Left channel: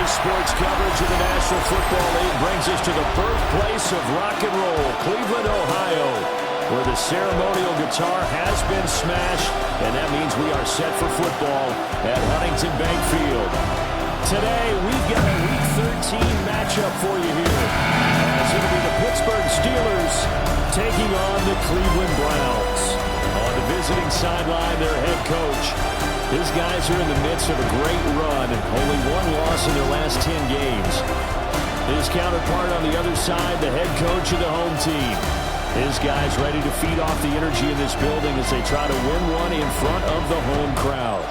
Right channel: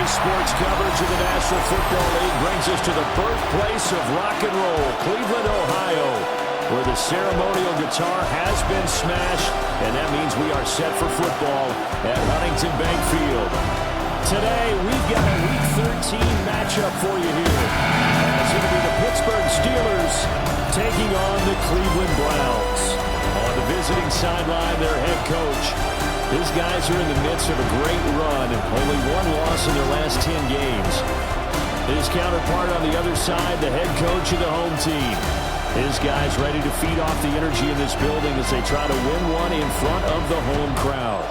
Today's sports coverage of the National Football League brings us to the birthplace of rock and roll, Cleveland, Ohio, where the ceremonial guitar has been smashed, and that means we are set for football at Huntington Bank Field. Today, we've got a Week 13 matchup for you here, as it'll be the Pittsburgh Steelers taking on the Cleveland Browns. On the visiting sideline, their head coach. His guys are in the midst of a great run, only one loss in their last 10 games. His counterpart on the other side, the head coach of the home team. His guys ready to feed off the energy in this building as they try to win one in front of the home crowd.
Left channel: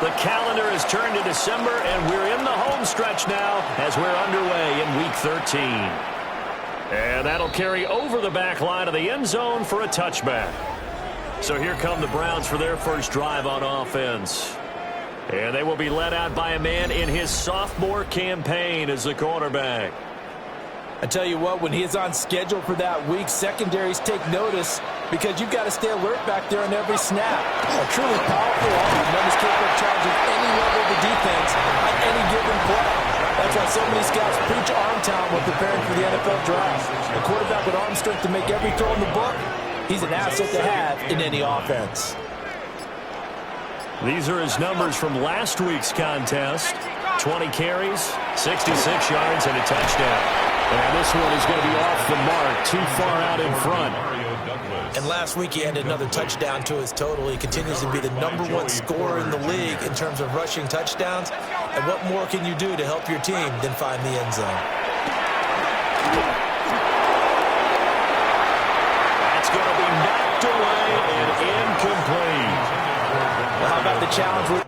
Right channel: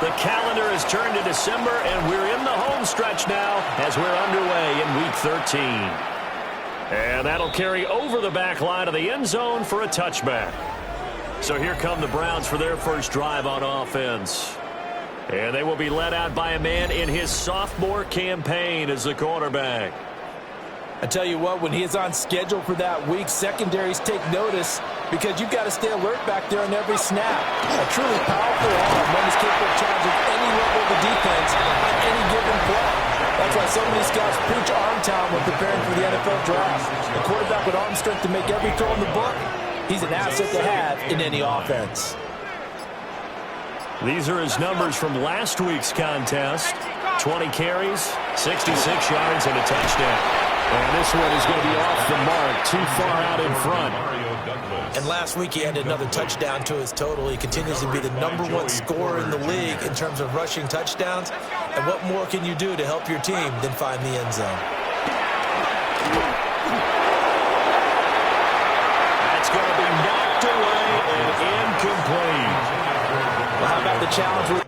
The calendar has turned to December, and we're in the home stretch now as we're underway in Week 13. And that'll carry over the back line of the end zone for a touchback. So here come the Browns for their first drive on offense. And they will be led out by a man in his sophomore campaign as the quarterback. I tell you what, when he is on schedule for that week, secondaries take notice because you've got to stay alert back there on every snap. A truly powerful arm, one is capable of challenging any level of the defense on any given play. That's why so many scouts preach arm talent when preparing for the NFL draft. A quarterback with arm strength to make every throw in the book, he's an asset to have in any offense. These are his numbers from last week's contest. 20 carries, 66 yards, and a touchdown. And this one is going to be off the mark, too far out in front. And last week he added another touchdown to his total. He continues to be the #1 scorer in the league in terms of rushing touchdowns. And what more can you do to help your team than find the end zone? That's going to be knocked away and incomplete. Well, how about the challenge with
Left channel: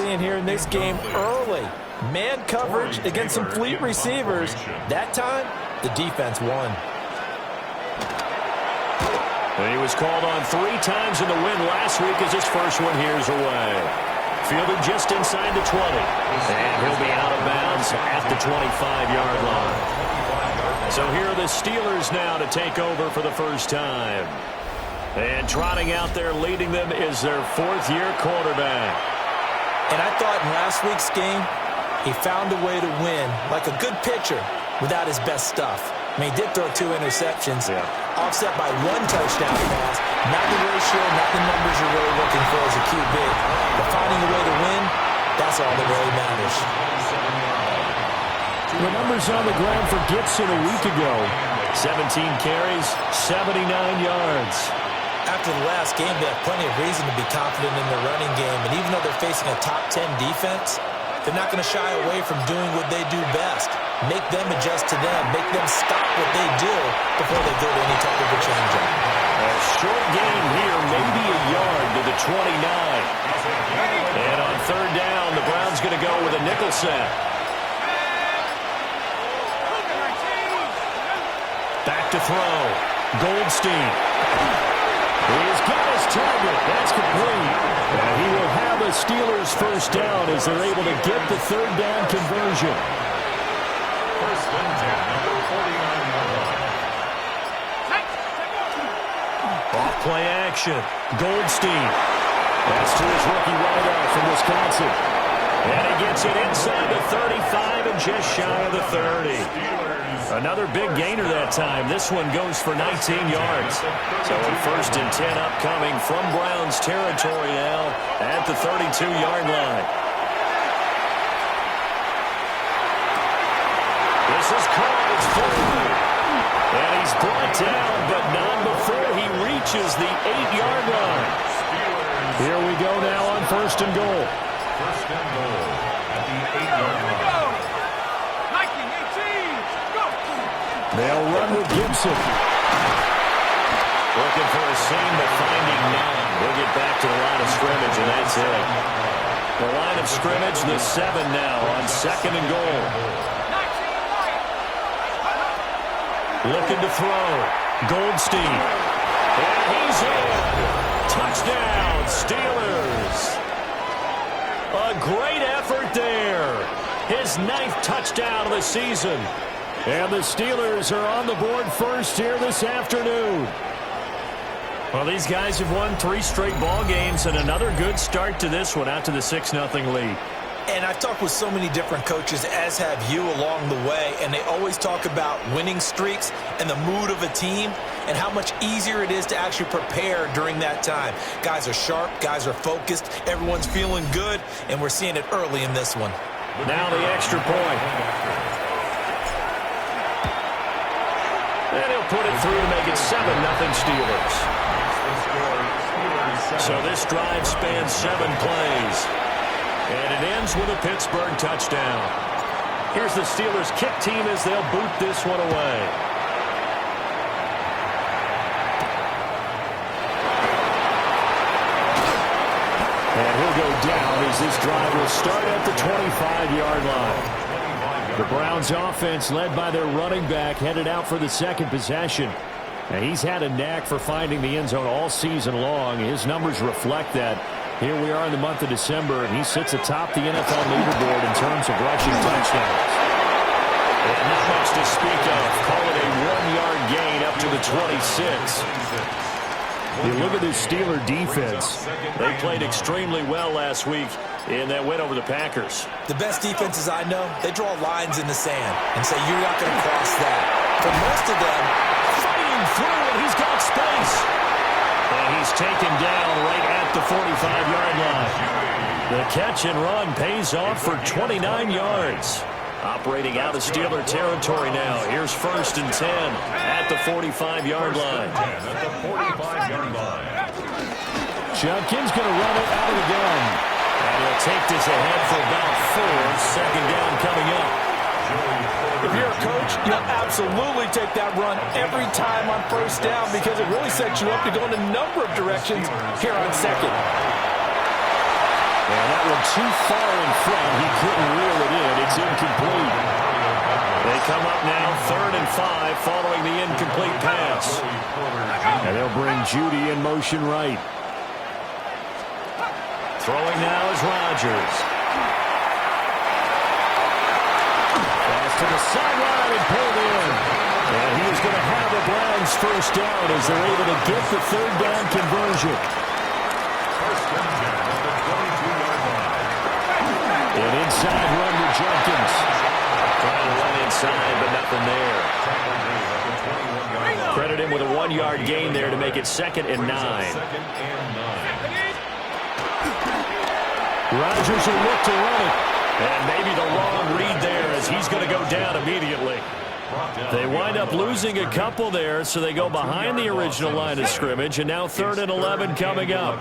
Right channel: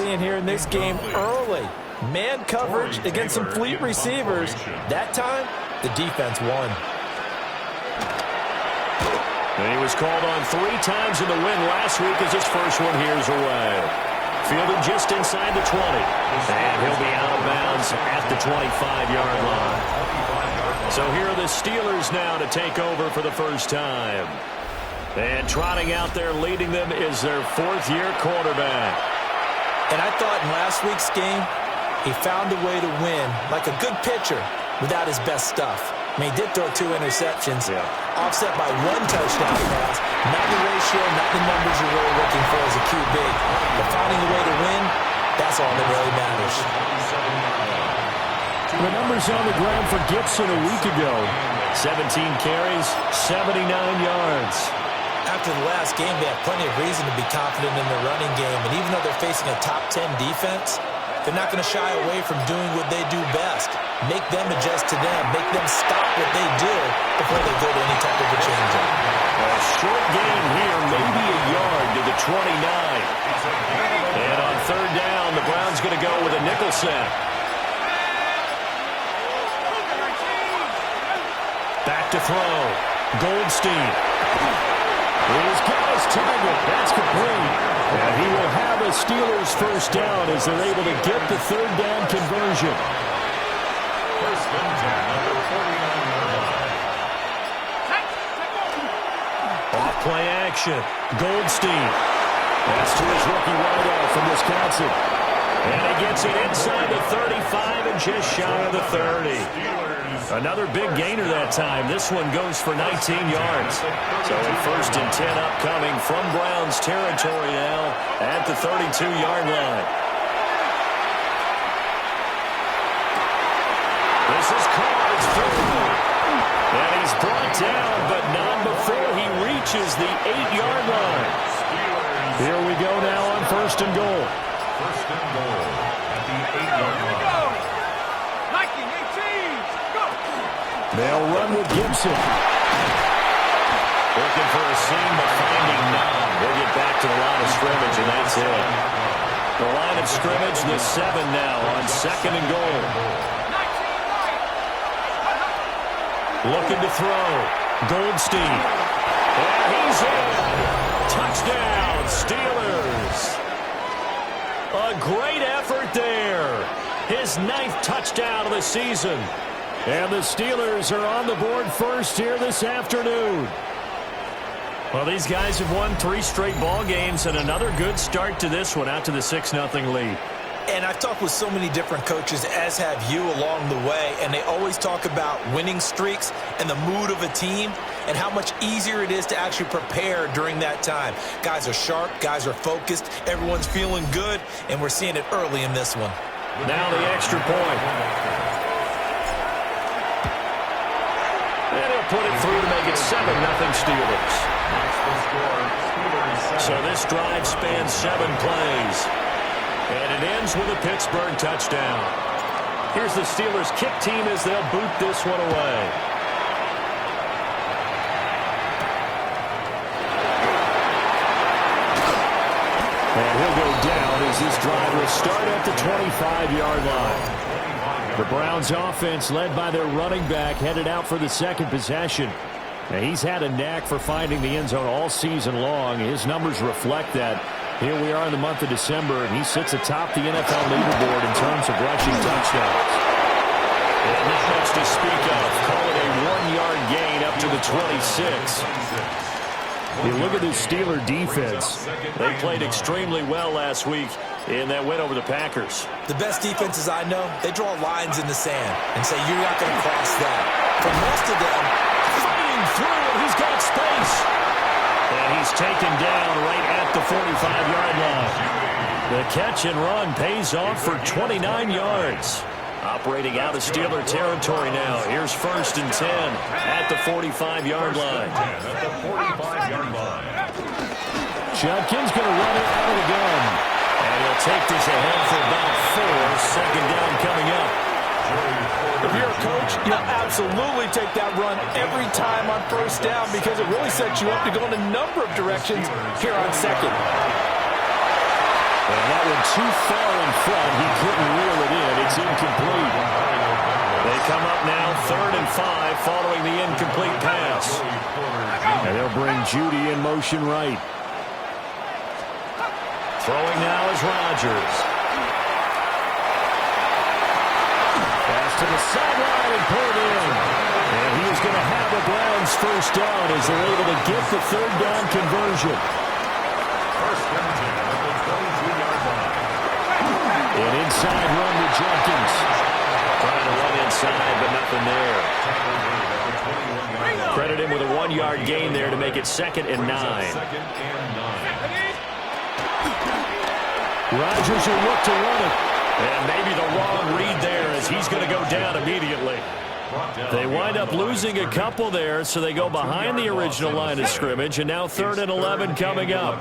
in here in this game early. Man coverage against some fleet receivers. That time, the defense won. And he was called on 3 times in the win last week as his first one here's away. Fielded just inside the 20. And he'll be out of bounds at the 25-yard line. So here are the Steelers now to take over for the first time. And trotting out there leading them is their 4th-year quarterback. And I thought in last week's game, he found a way to win, like a good pitcher, without his best stuff. I mean, he did throw 2 interceptions, offset by 1 touchdown pass. Not the ratio, not the numbers you're really looking for as a QB. But finding a way to win, that's all that really matters. The numbers on the ground for Gibson a week ago. 17 carries, 79 yards. After the last game, they have plenty of reason to be confident in their running game. And even though they're facing a top 10 defense, they're not going to shy away from doing what they do best. Make them adjust to them. Make them stop what they do before they go to any type of a change-up. A short gain here, maybe a yard to the 29. And on 3rd down, the Browns going to go with a nickel set. Back to throw. Goldstein. He's got his target. That's complete. And he will have a Steelers first down as they're able to get the 3rd down conversion. First and 10 at the 49-yard line. Off play action. Goldstein. That's to his rookie wideout from Wisconsin. And he gets it inside the 35 and just shy of the 30. Another big gainer that time. This one goes for 19 yards. So a 1st and 10 upcoming from Browns territory now at the 32-yard line. This is caught. It's full. And he's brought down, but not before he reaches the 8-yard line. Here we go now on 1st and goal. 1st and goal at the 8-yard line. They'll run with Gibson. Looking for a seam, but finding none. We'll get back to the line of scrimmage, and that's it. The line of scrimmage, the 7 now on 2nd and goal. Looking to throw. Goldstein. And he's in. Touchdown, Steelers. A great effort there. His 9th touchdown of the season. And the Steelers are on the board first here this afternoon. Well, these guys have won 3 straight ball games, and another good start to this one, out to the 6-0 lead. And I've talked with so many different coaches, as have you, along the way, and they always talk about winning streaks and the mood of a team and how much easier it is to actually prepare during that time. Guys are sharp, guys are focused, everyone's feeling good, and we're seeing it early in this one. Now the extra point. And he'll put it through to make it 7-0 Steelers. So this drive spans 7 plays. And it ends with a Pittsburgh touchdown. Here's the Steelers kick team as they'll boot this one away. And he'll go down as this drive will start at the 25-yard line. The Browns offense, led by their running back, headed out for the 2nd possession. And he's had a knack for finding the end zone all season long. His numbers reflect that. Here we are in the month of December, and he sits atop the NFL leaderboard in terms of rushing touchdowns. And not much to speak of. Call it a 1-yard gain up to the 26. You look at this Steeler defense. They played extremely well last week in that win over the Packers. The best defenses I know, they draw lines in the sand and say you're not going to cross that. For most of them, fighting through, and he's got space. And he's taken down right at the 45-yard line. The catch and run pays off for 29 yards. Operating out of Steeler territory now. Here's 1st and 10 at the 45-yard line. Judkins going to run it out of the gun. And he'll take this ahead for about 4. 2nd down coming up. If you're a coach, you'll absolutely take that run every time on 1st down because it really sets you up to go in a number of directions here on 2nd. And that one too far in front. He couldn't reel it in. It's incomplete. They come up now 3rd and 5 following the incomplete pass. And they'll bring Judy in motion right. Throwing now is Rodgers. Pass to the sideline and pulled in. And he is going to have the Browns 1st down as they're able to get the 3rd down conversion. 1st and 10 at the 22-yard line. An inside run to Judkins. Trying to run inside, but nothing there. Credit him with a 1-yard gain there to make it 2nd and 9. Rodgers will look to run it. And maybe the wrong read there as he's going to go down immediately. They wind up losing a couple there, so they go behind the original line of scrimmage, and now 3rd and 11 coming up.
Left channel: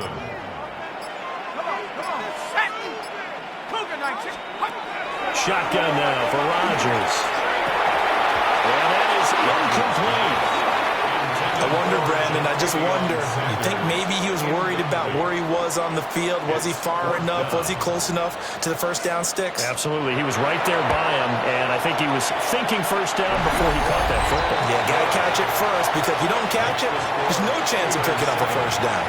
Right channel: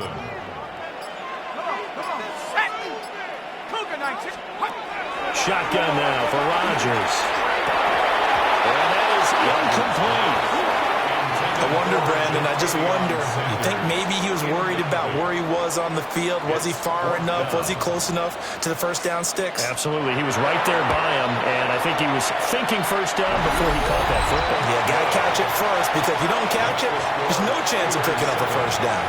Shotgun now for Rodgers. And that is incomplete. I wonder, Brandon, I just wonder, you think maybe he was worried about where he was on the field? Was he far enough? Was he close enough to the 1st down sticks? Absolutely. He was right there by him, and I think he was thinking 1st down before he caught that football. Yeah, got to catch it first, because if you don't catch it, there's no chance of picking up a 1st down.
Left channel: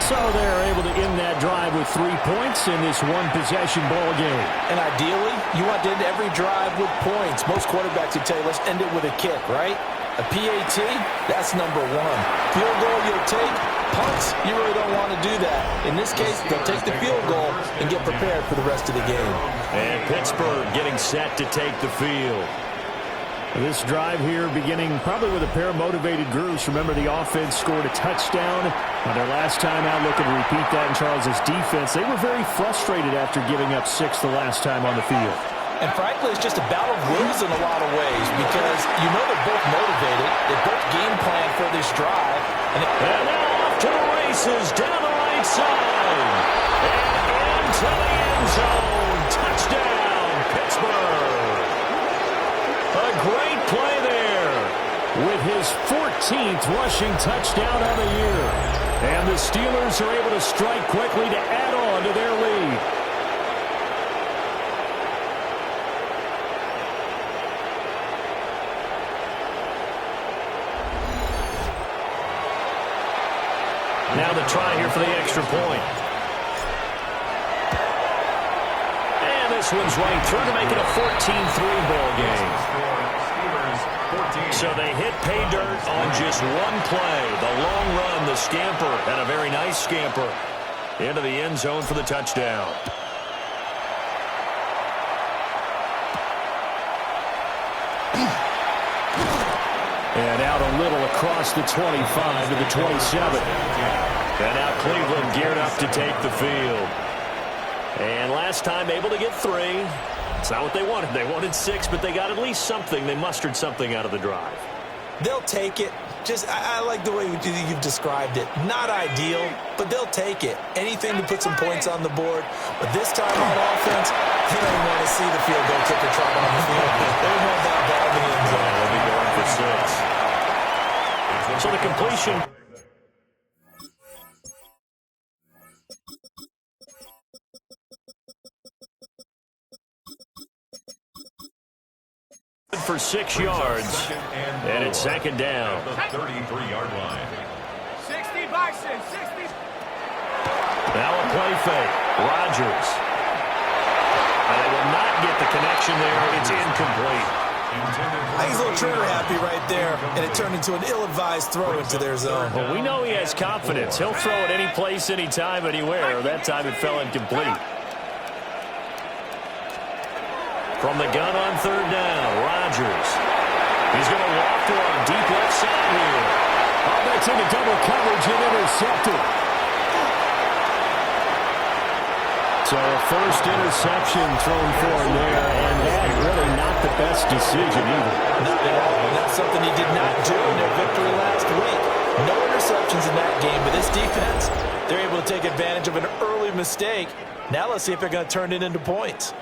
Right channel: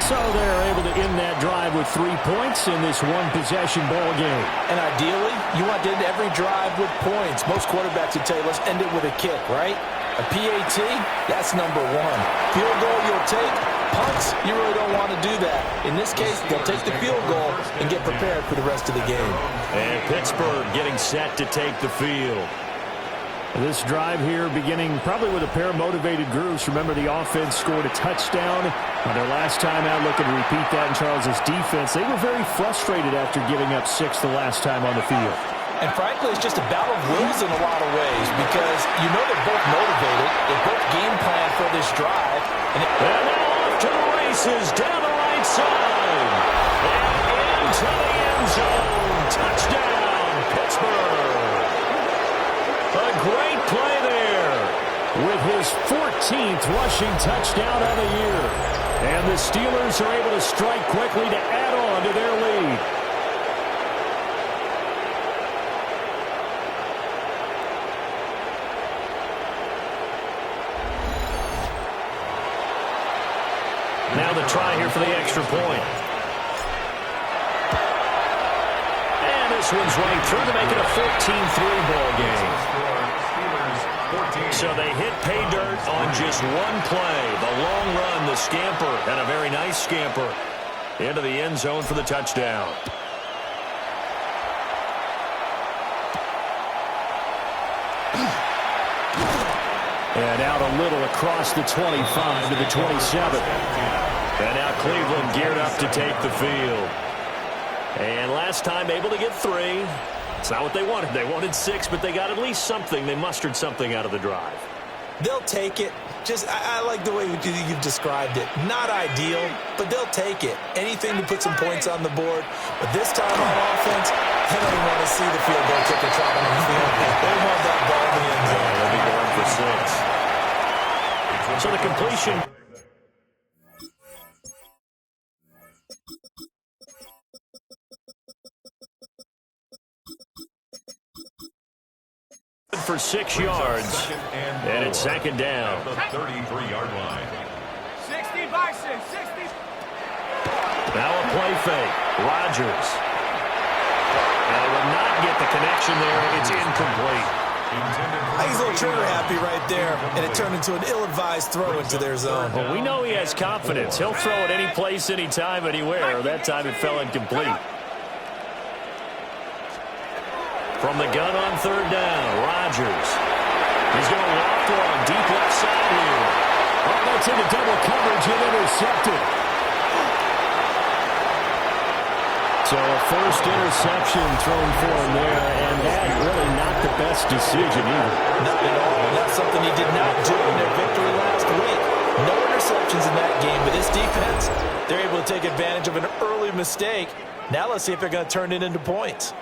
So they're able to end that drive with 3 points in this one-possession ball game. And ideally, you want to end every drive with points. Most quarterbacks would tell you, let's end it with a kick, right? A PAT, that's number 1. Field goal you'll take. Punts, you really don't want to do that. In this case, they'll take the field goal and get prepared for the rest of the game. And Pittsburgh getting set to take the field. This drive here beginning probably with a pair of motivated groups. Remember, the offense scored a touchdown on their last time out, looking to repeat that in Charles's defense. They were very frustrated after giving up 6 the last time on the field. And frankly, it's just a battle of wills in a lot of ways because you know they're both motivated. They both game plan for this drive. And now off to the races down the right side. And into the end zone. Touchdown, Pittsburgh. A great play there with his 14th rushing touchdown of the year. And the Steelers are able to strike quickly to add on to their lead. Now the try here for the extra point. And this one's right through to make it a 14-3 ball game. So they hit pay dirt on just one play. The long run, the scamper, and a very nice scamper into the end zone for the touchdown. And out a little across the 25 to the 27. And now Cleveland geared up to take the field. And last time able to get 3. It's not what they wanted. They wanted 6, but they got at least something. They mustered something out of the drive. They'll take it. I like the way you've described it. Not ideal, but they'll take it. Anything to put some points on the board. But this time on offense, they don't even want to see the field goal kicker trot on the field. They want that ball in the end zone. They'll be going for 6. So the completion. For 6 yards, and it's second down. The 33-yard line. 60 Bison, 60. Now a play fake. Rodgers. And they will not get the connection there. It's incomplete. I think he's a little trigger happy right there, and it turned into an ill-advised throw into their zone. Well, we know he has confidence. He'll throw it any place, anytime, anywhere. That time it fell incomplete. From the gun on third down, Rodgers. He's going to walk one deep left side here. Oh, that's into double coverage and intercepted. So a first interception thrown for him there, and that really not the best decision either. Not at all, and that's something he did not do in their victory last week. No interceptions in that game, but this defense, they're able to take advantage of an early mistake. Now let's see if they're going to turn it into points.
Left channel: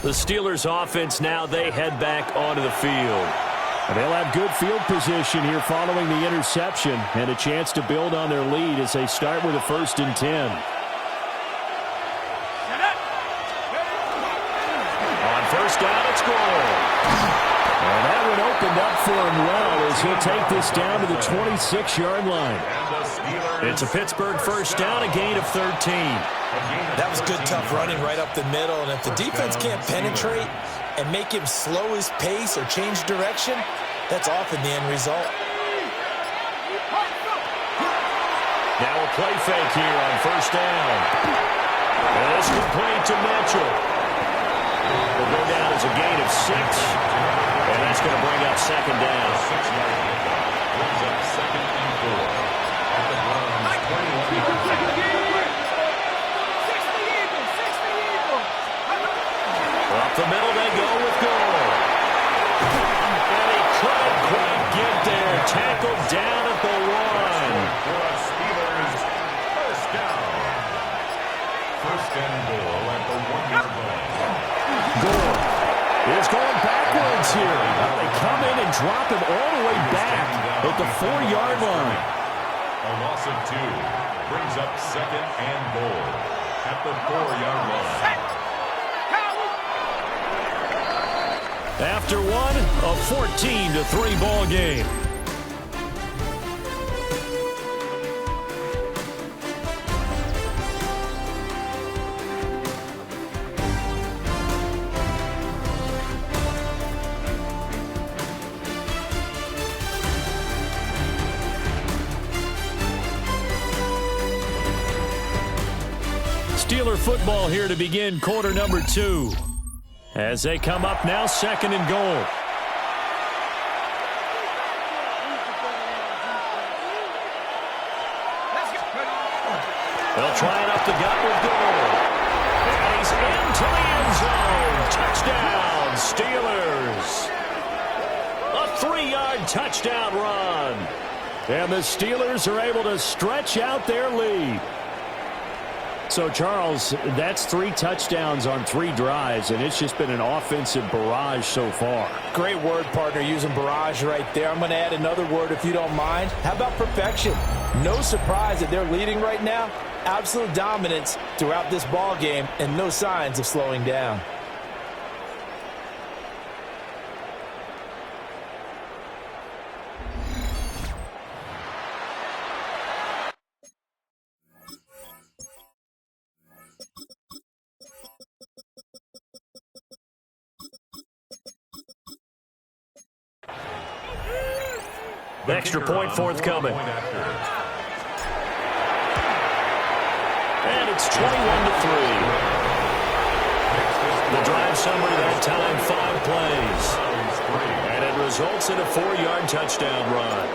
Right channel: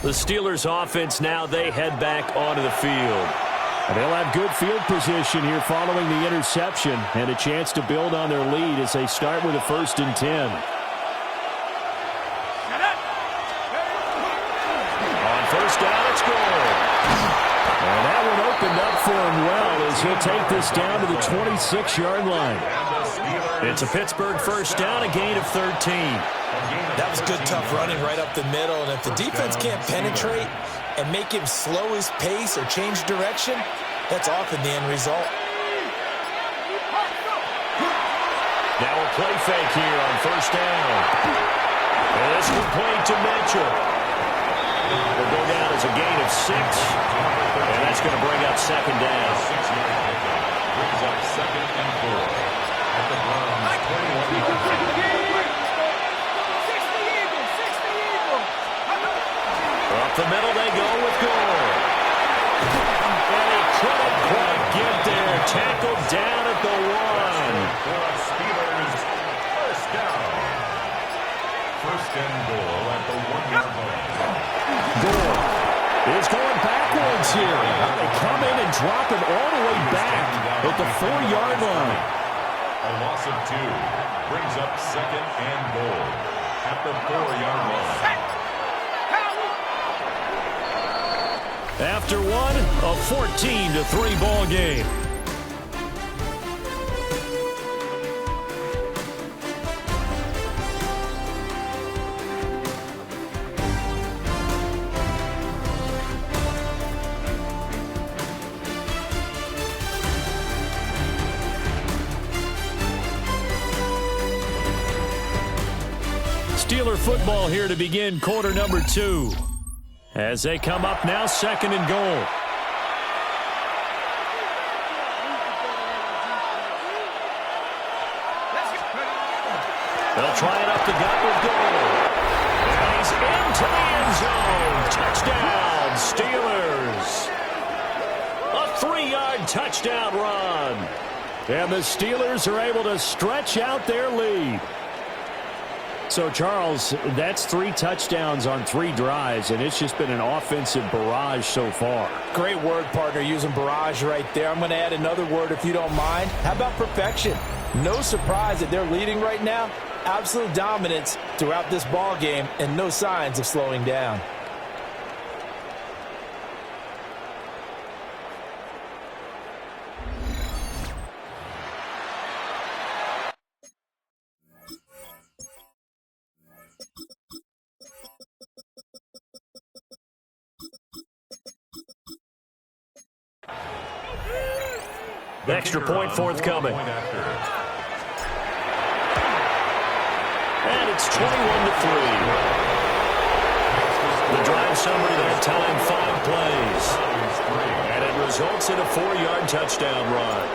The Steelers offense now, they head back onto the field. And they'll have good field position here following the interception and a chance to build on their lead as they start with a 1st and 10. On first down, it's goal. And that one opened up for him well as he'll take this down to the 26-yard line. It's a Pittsburgh first down, a gain of 13. That was good, tough running right up the middle. And if the defense can't penetrate and make him slow his pace or change direction, that's often the end result. Now a play fake here on first down. And it's complete to Mitchell. Will go down as a gain of 6. And that's going to bring up second down. 6-yard pickup brings up 2nd and 4. At the Browns' 21-yard line. Up the middle they go with Gore. And he couldn't quite get there. Tackled down at the 1. For a Steelers first down. 1st and goal at the 1-yard line. Gore is going backwards here. Now they come in and drop him all the way back at the 4-yard line. A loss of 2 brings up 2nd and goal at the 4-yard line. After one, a 14-3 ball game. Steeler football here to begin quarter number 2. As they come up now, 2nd and goal. They'll try it up the gut with goal. And he's into the end zone. Touchdown, Steelers. A 3-yard touchdown run. And the Steelers are able to stretch out their lead. So, Charles, that's 3 touchdowns on 3 drives, and it's just been an offensive barrage so far. Great word, partner, using barrage right there. I'm going to add another word if you don't mind. How about perfection? No surprise that they're leading right now. Absolute dominance throughout this ball game and no signs of slowing down. Extra point forthcoming. And it's 21-3. The drive summary that time, 5 plays. And it results in a 4-yard touchdown run.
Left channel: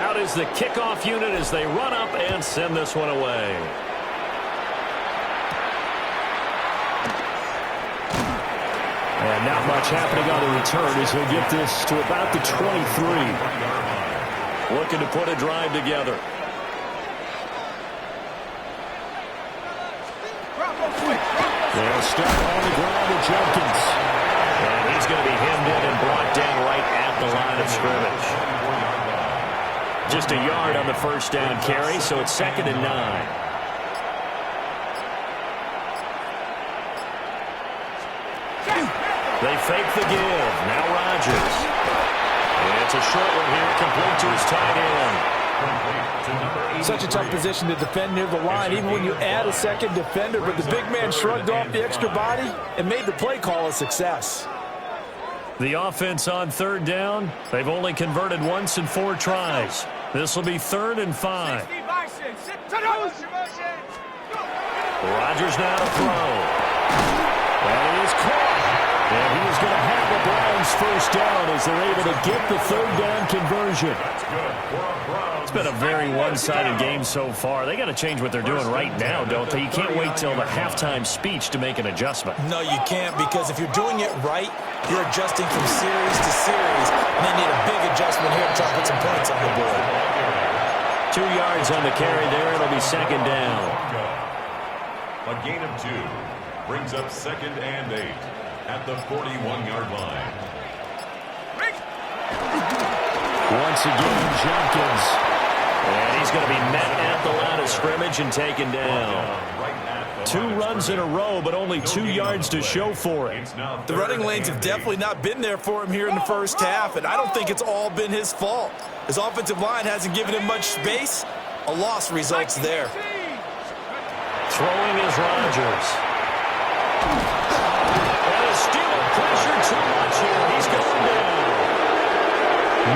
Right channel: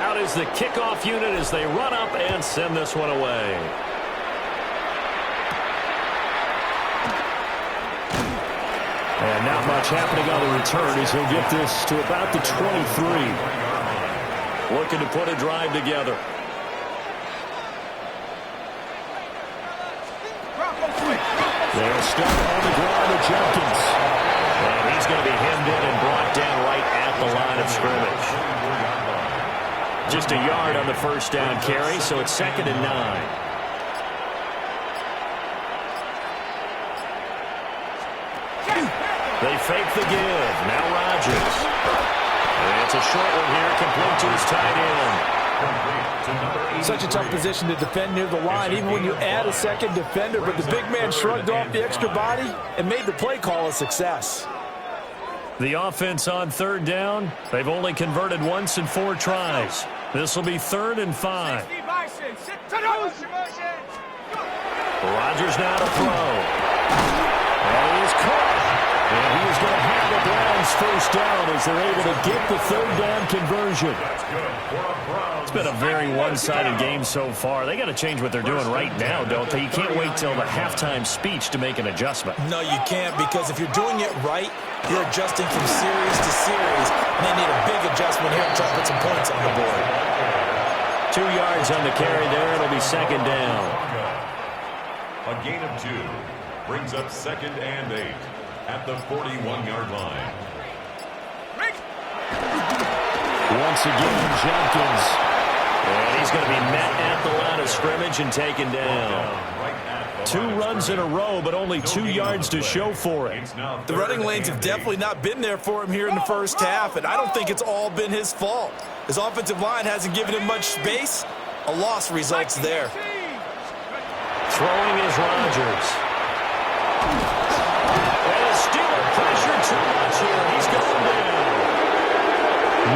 Out is the kickoff unit as they run up and send this one away. And not much happening on the return as he'll get this to about the 23. Looking to put a drive together. They'll start on the ground with Jenkins. And he's going to be hemmed in and brought down right at the line of scrimmage. Just a yard on the first down carry, so it's 2nd and 9. They fake the give. Now Rodgers. It's a short one here, complete to his tight end. Such a tough position to defend near the line, even when you add a second defender, but the big man shrugged off the extra body and made the play call a success. The offense on 3rd down, they've only converted once in 4 tries. This will be 3rd and 5. Rodgers now to throw. And he is caught. And he is going to have the Browns first down as they're able to get the 3rd down conversion. It's been a very one-sided game so far. They got to change what they're doing right now, don't they? You can't wait till the halftime speech to make an adjustment. No, you can't, because if you're doing it right, you're adjusting from series to series, and they need a big adjustment here to try to put some points on the board. 2 yards on the carry there. It'll be 2nd down. A gain of 2 brings up 2nd and 8. At the 41-yard line. Once again, Jenkins. And he's going to be met at the line of scrimmage and taken down. 2 runs in a row, but only 2 yards to show for it. The running lanes have definitely not been there for him here in the first half, and I don't think it's all been his fault. His offensive line hasn't given him much space. A loss results there. Throwing is Rodgers. And the Steeler pressure too much here. He's going down.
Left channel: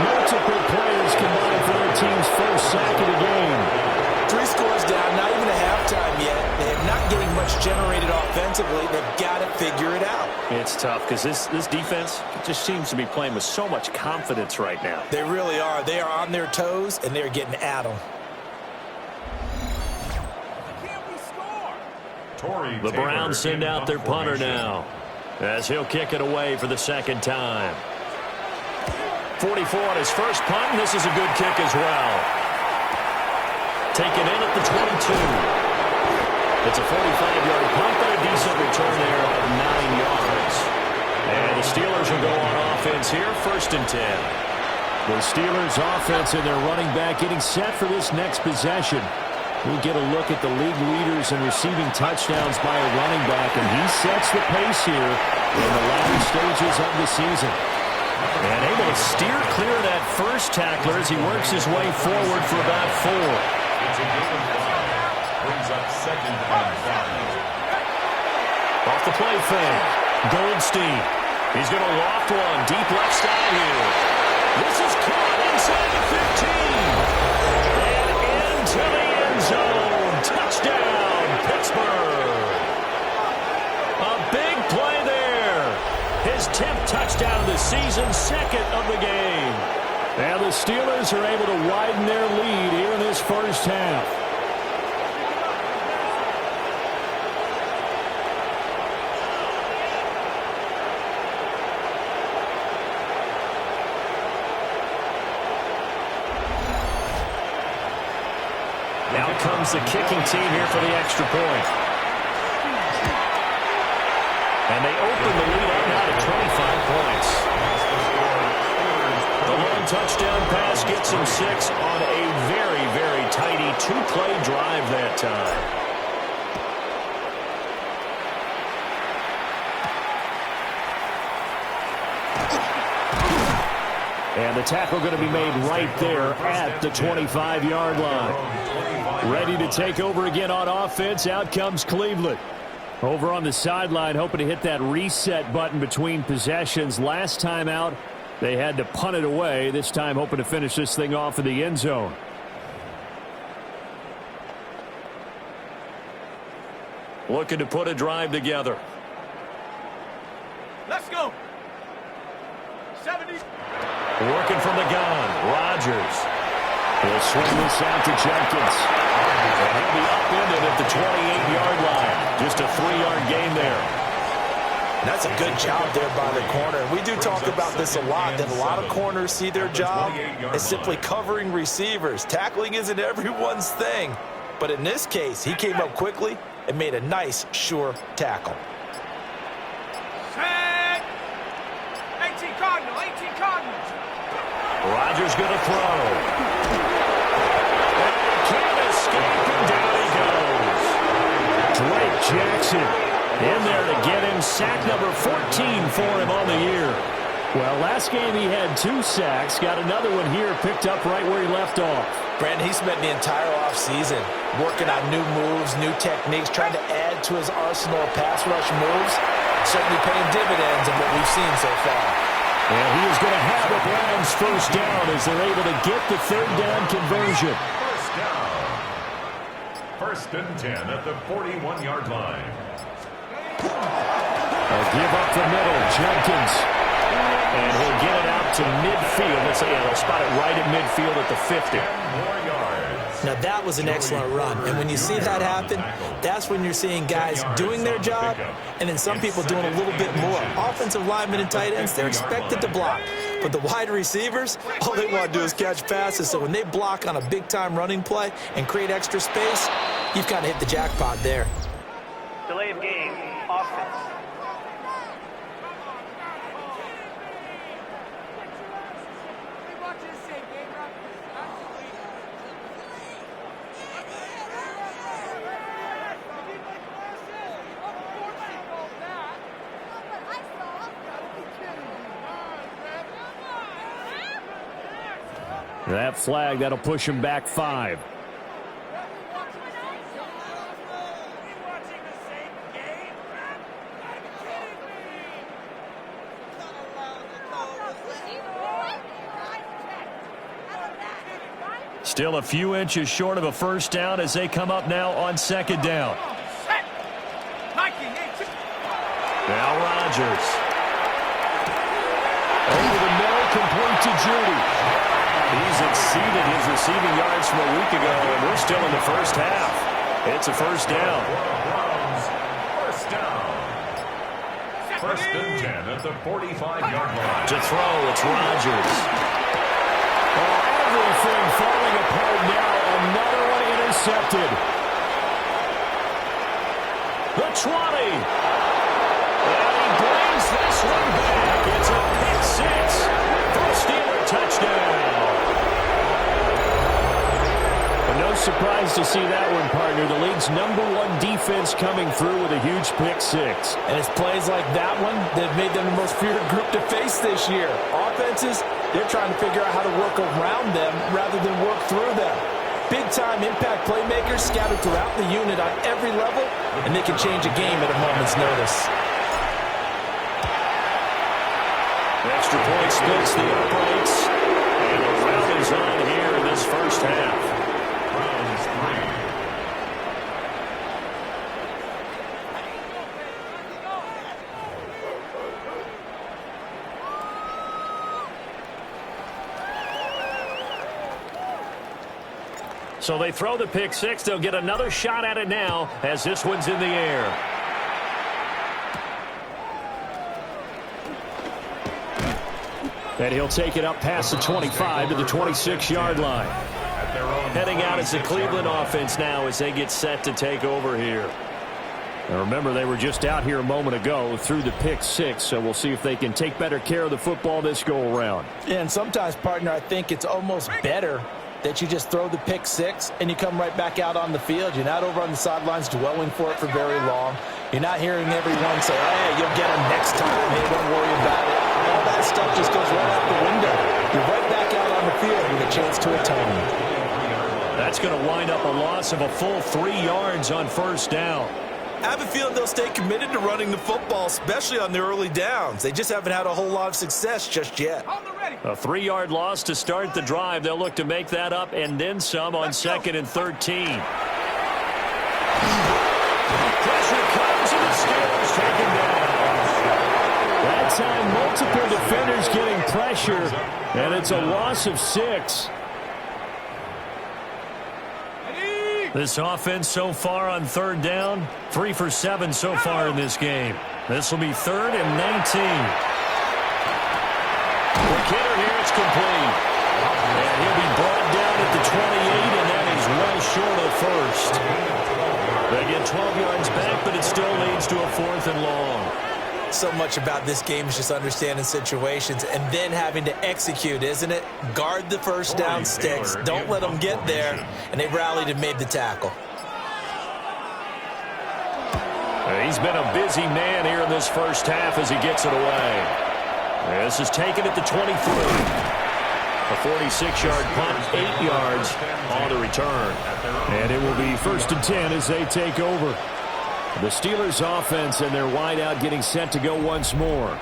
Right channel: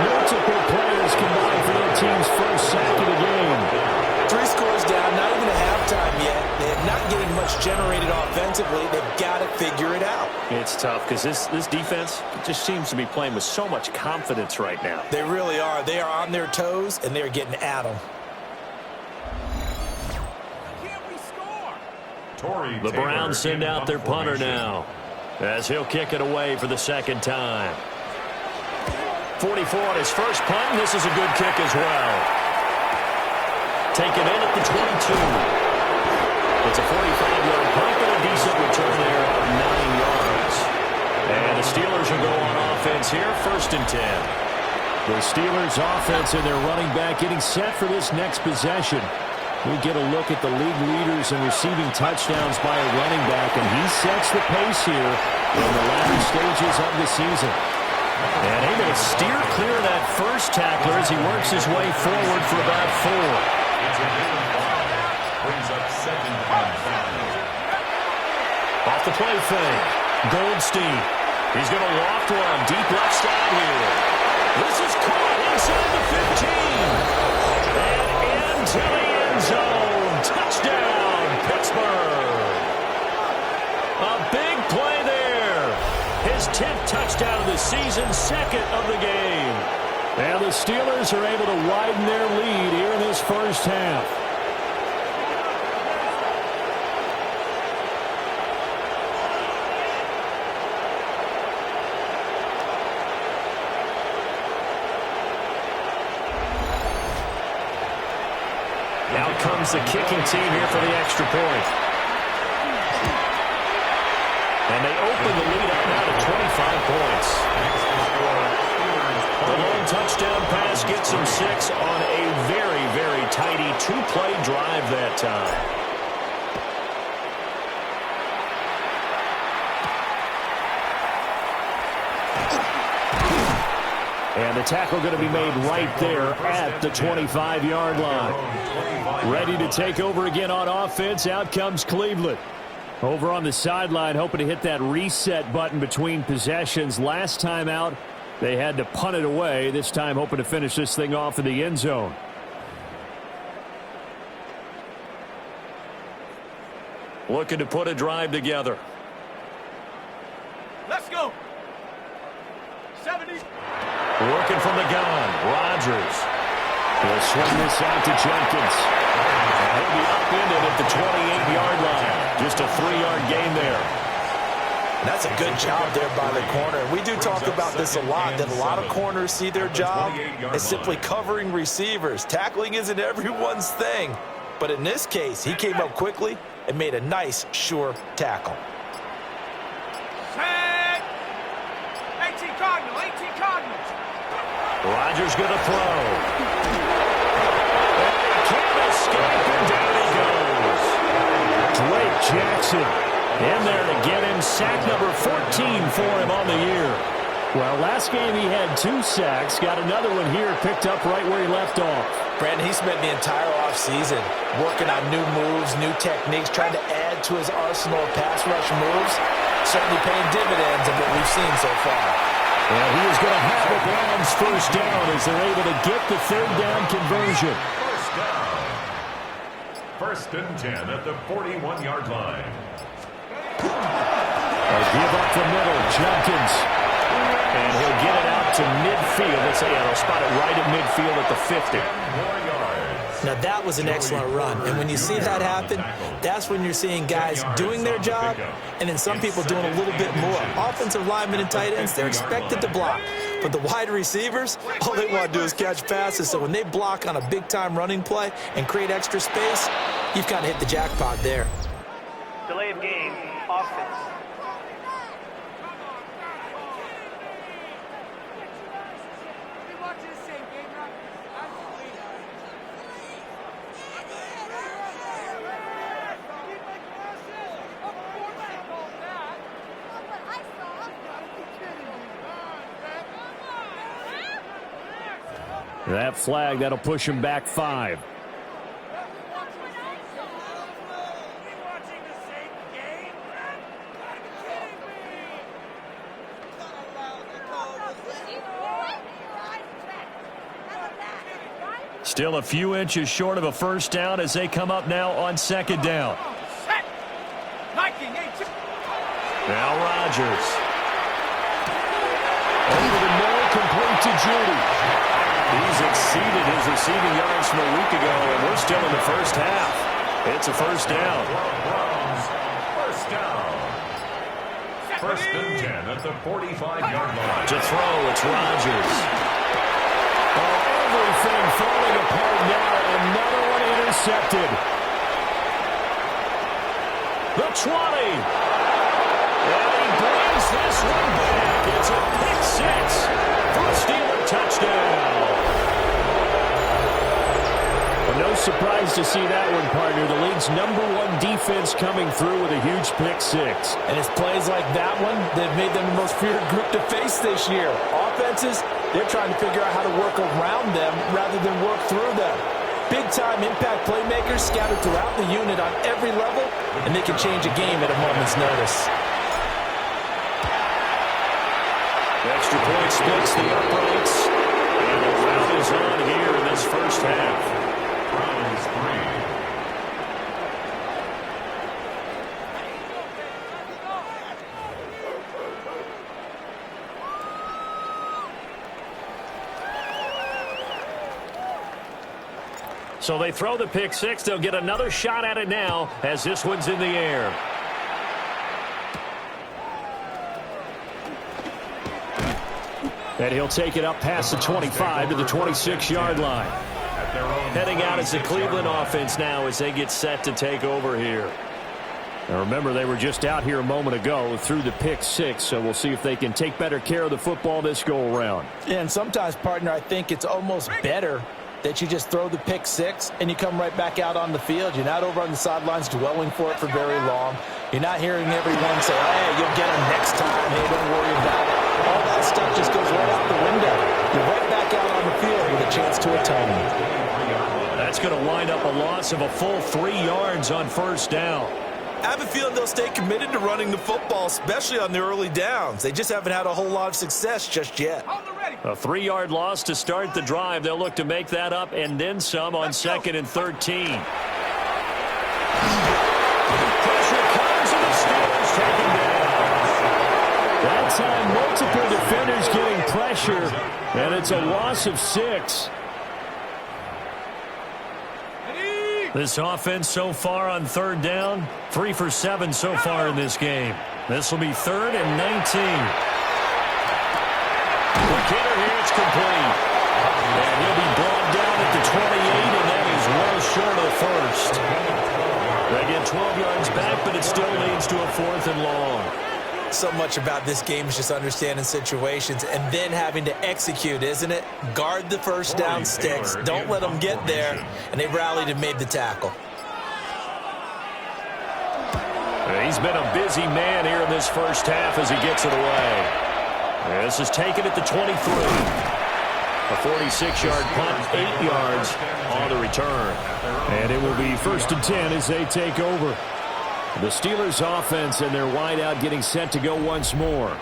Multiple players combined for their team's first sack of the game. 3 scores down, not even a halftime yet. They are not getting much generated offensively. They've got to figure it out. It's tough because this defense just seems to be playing with so much confidence right now. They really are. They are on their toes, and they're getting at them. The Browns send out their punter now as he'll kick it away for the 2nd time. 44 on his first punt, and this is a good kick as well. Taken in at the 22. It's a 45-yard punt, but a decent return there of 9 yards. And the Steelers will go on offense here, 1st and 10. The Steelers offense and their running back getting set for this next possession. We get a look at the league leaders in receiving touchdowns by a running back, and he sets the pace here in the latter stages of the season. And able to steer clear of that first tackler as he works his way forward for about 4. It's a gain of 5. Brings up 2nd and 5. Off the play fake. Goldstein. He's going to loft one deep left side here. This is caught inside the 15. And into the end zone. Touchdown, Pittsburgh. A big play there. His 10th touchdown of the season, 2nd of the game. And the Steelers are able to widen their lead here in this first half. Out comes the kicking team here for the extra point. And they open the lead up now to 25 points. The long touchdown pass gets them 6 on a very, very tidy 2-play drive that time. And the tackle going to be made right there at the 25-yard line. Ready to take over again on offense. Out comes Cleveland. Over on the sideline, hoping to hit that reset button between possessions. Last time out, they had to punt it away. This time, hoping to finish this thing off in the end zone. Looking to put a drive together. Let's go. 70. Working from the gun, Rodgers. He'll swing this out to Jenkins. And he'll be upended at the 28-yard line. Just a 3-yard gain there. That's a good job there by the corner. We do talk about this a lot, that a lot of corners see their job as simply covering receivers. Tackling isn't everyone's thing. But in this case, he came up quickly and made a nice, sure tackle. Set. 18 Cardinals. 18 Cardinals. Rodgers going to throw. And he can't escape, and down he goes. Drake Jackson in there to get him sack number 14 for him on the year. Well, last game he had 2 sacks. Got another one here picked up right where he left off. Brandon, he spent the entire offseason working on new moves, new techniques, trying to add to his arsenal of pass rush moves. Certainly paying dividends in what we've seen so far. And he is going to have the Browns first down as they're able to get the 3rd down conversion. First down. 1st and 10 at the 41-yard line. A give up the middle, Jenkins. And he'll get it out to midfield. Let's say, they'll spot it right at midfield at the 50. 10 more yards. Now, that was an excellent run. And when you see that happen, that's when you're seeing guys doing their job and then some people doing a little bit more. Offensive linemen and tight ends, they're expected to block. But the wide receivers, all they want to do is catch passes. So when they block on a big-time running play and create extra space, you've kind of hit the jackpot there. Delay of game, offense. That flag, that'll push him back 5. Still a few inches short of a first down as they come up now on 2nd down. Now Rodgers. Over the middle, complete to Judy. He's exceeded his receiving yards from a week ago, and we're still in the first half. It's a first down. Browns, first down. 1st and 10 at the 45-yard line. To throw, it's Rodgers. Oh, everything falling apart now. Another one intercepted. The 20. And he brings this one back. It's a pick 6 for a Steeler touchdown. But no surprise to see that one, partner. The league's #1 defense coming through with a huge pick 6. And it's plays like that one that made them the most feared group to face this year. Offenses, they're trying to figure out how to work around them rather than work through them. Big-time impact playmakers scattered throughout the unit on every level, and they can change a game at a moment's notice. Extra point splits the uprights, and a rout is on here in this first half. Browns 3. So they throw the pick 6. They'll get another shot at it now as this one's in the air. And he'll take it up past the 25 to the 26-yard line. At their own Heading out as the 46-yard Cleveland line. offense now as they get set to take over here. Now remember, they were just out here a moment ago through the pick six, so we'll see if they can take better care of the football this go around. And sometimes, partner, I think it's almost better that you just throw the pick six and you come right back out on the field. You're not over on the sidelines dwelling for it for very long. You're not hearing everyone say, hey, you'll get them next time. Hey, don't worry about it. All that stuff just goes right out the window. You're right back out on the field with a chance to atone. That's going to wind up a loss of a full 3 yards on first down. I have a feeling they'll stay committed to running the football, especially on the early downs. They just haven't had a whole lot of success just yet. A 3-yard loss to start the drive. They'll look to make that up and then some on 2nd and 13. Pressure comes and the Steelers take him down. That time, multiple defenders getting pressure, and it's a loss of 6. This offense so far on 3rd down, 3 for 7 so far in this game. This will be 3rd and 19. The kidder here, it's complete. And he'll be brought down at the 28, and that is well short of the 1st. They get 12 yards back, but it still leads to a 4th and long. So much about this game is just understanding situations and then having to execute, isn't it? Guard the first down sticks. Don't let them get there. And they rallied and made the tackle. He's been a busy man here in this first half as he gets it away. This is taken at the 23. A 46-yard punt, 8 yards on the return. And it will be 1st and 10 as they take over. The Steelers offense and their wideout getting set to go once more.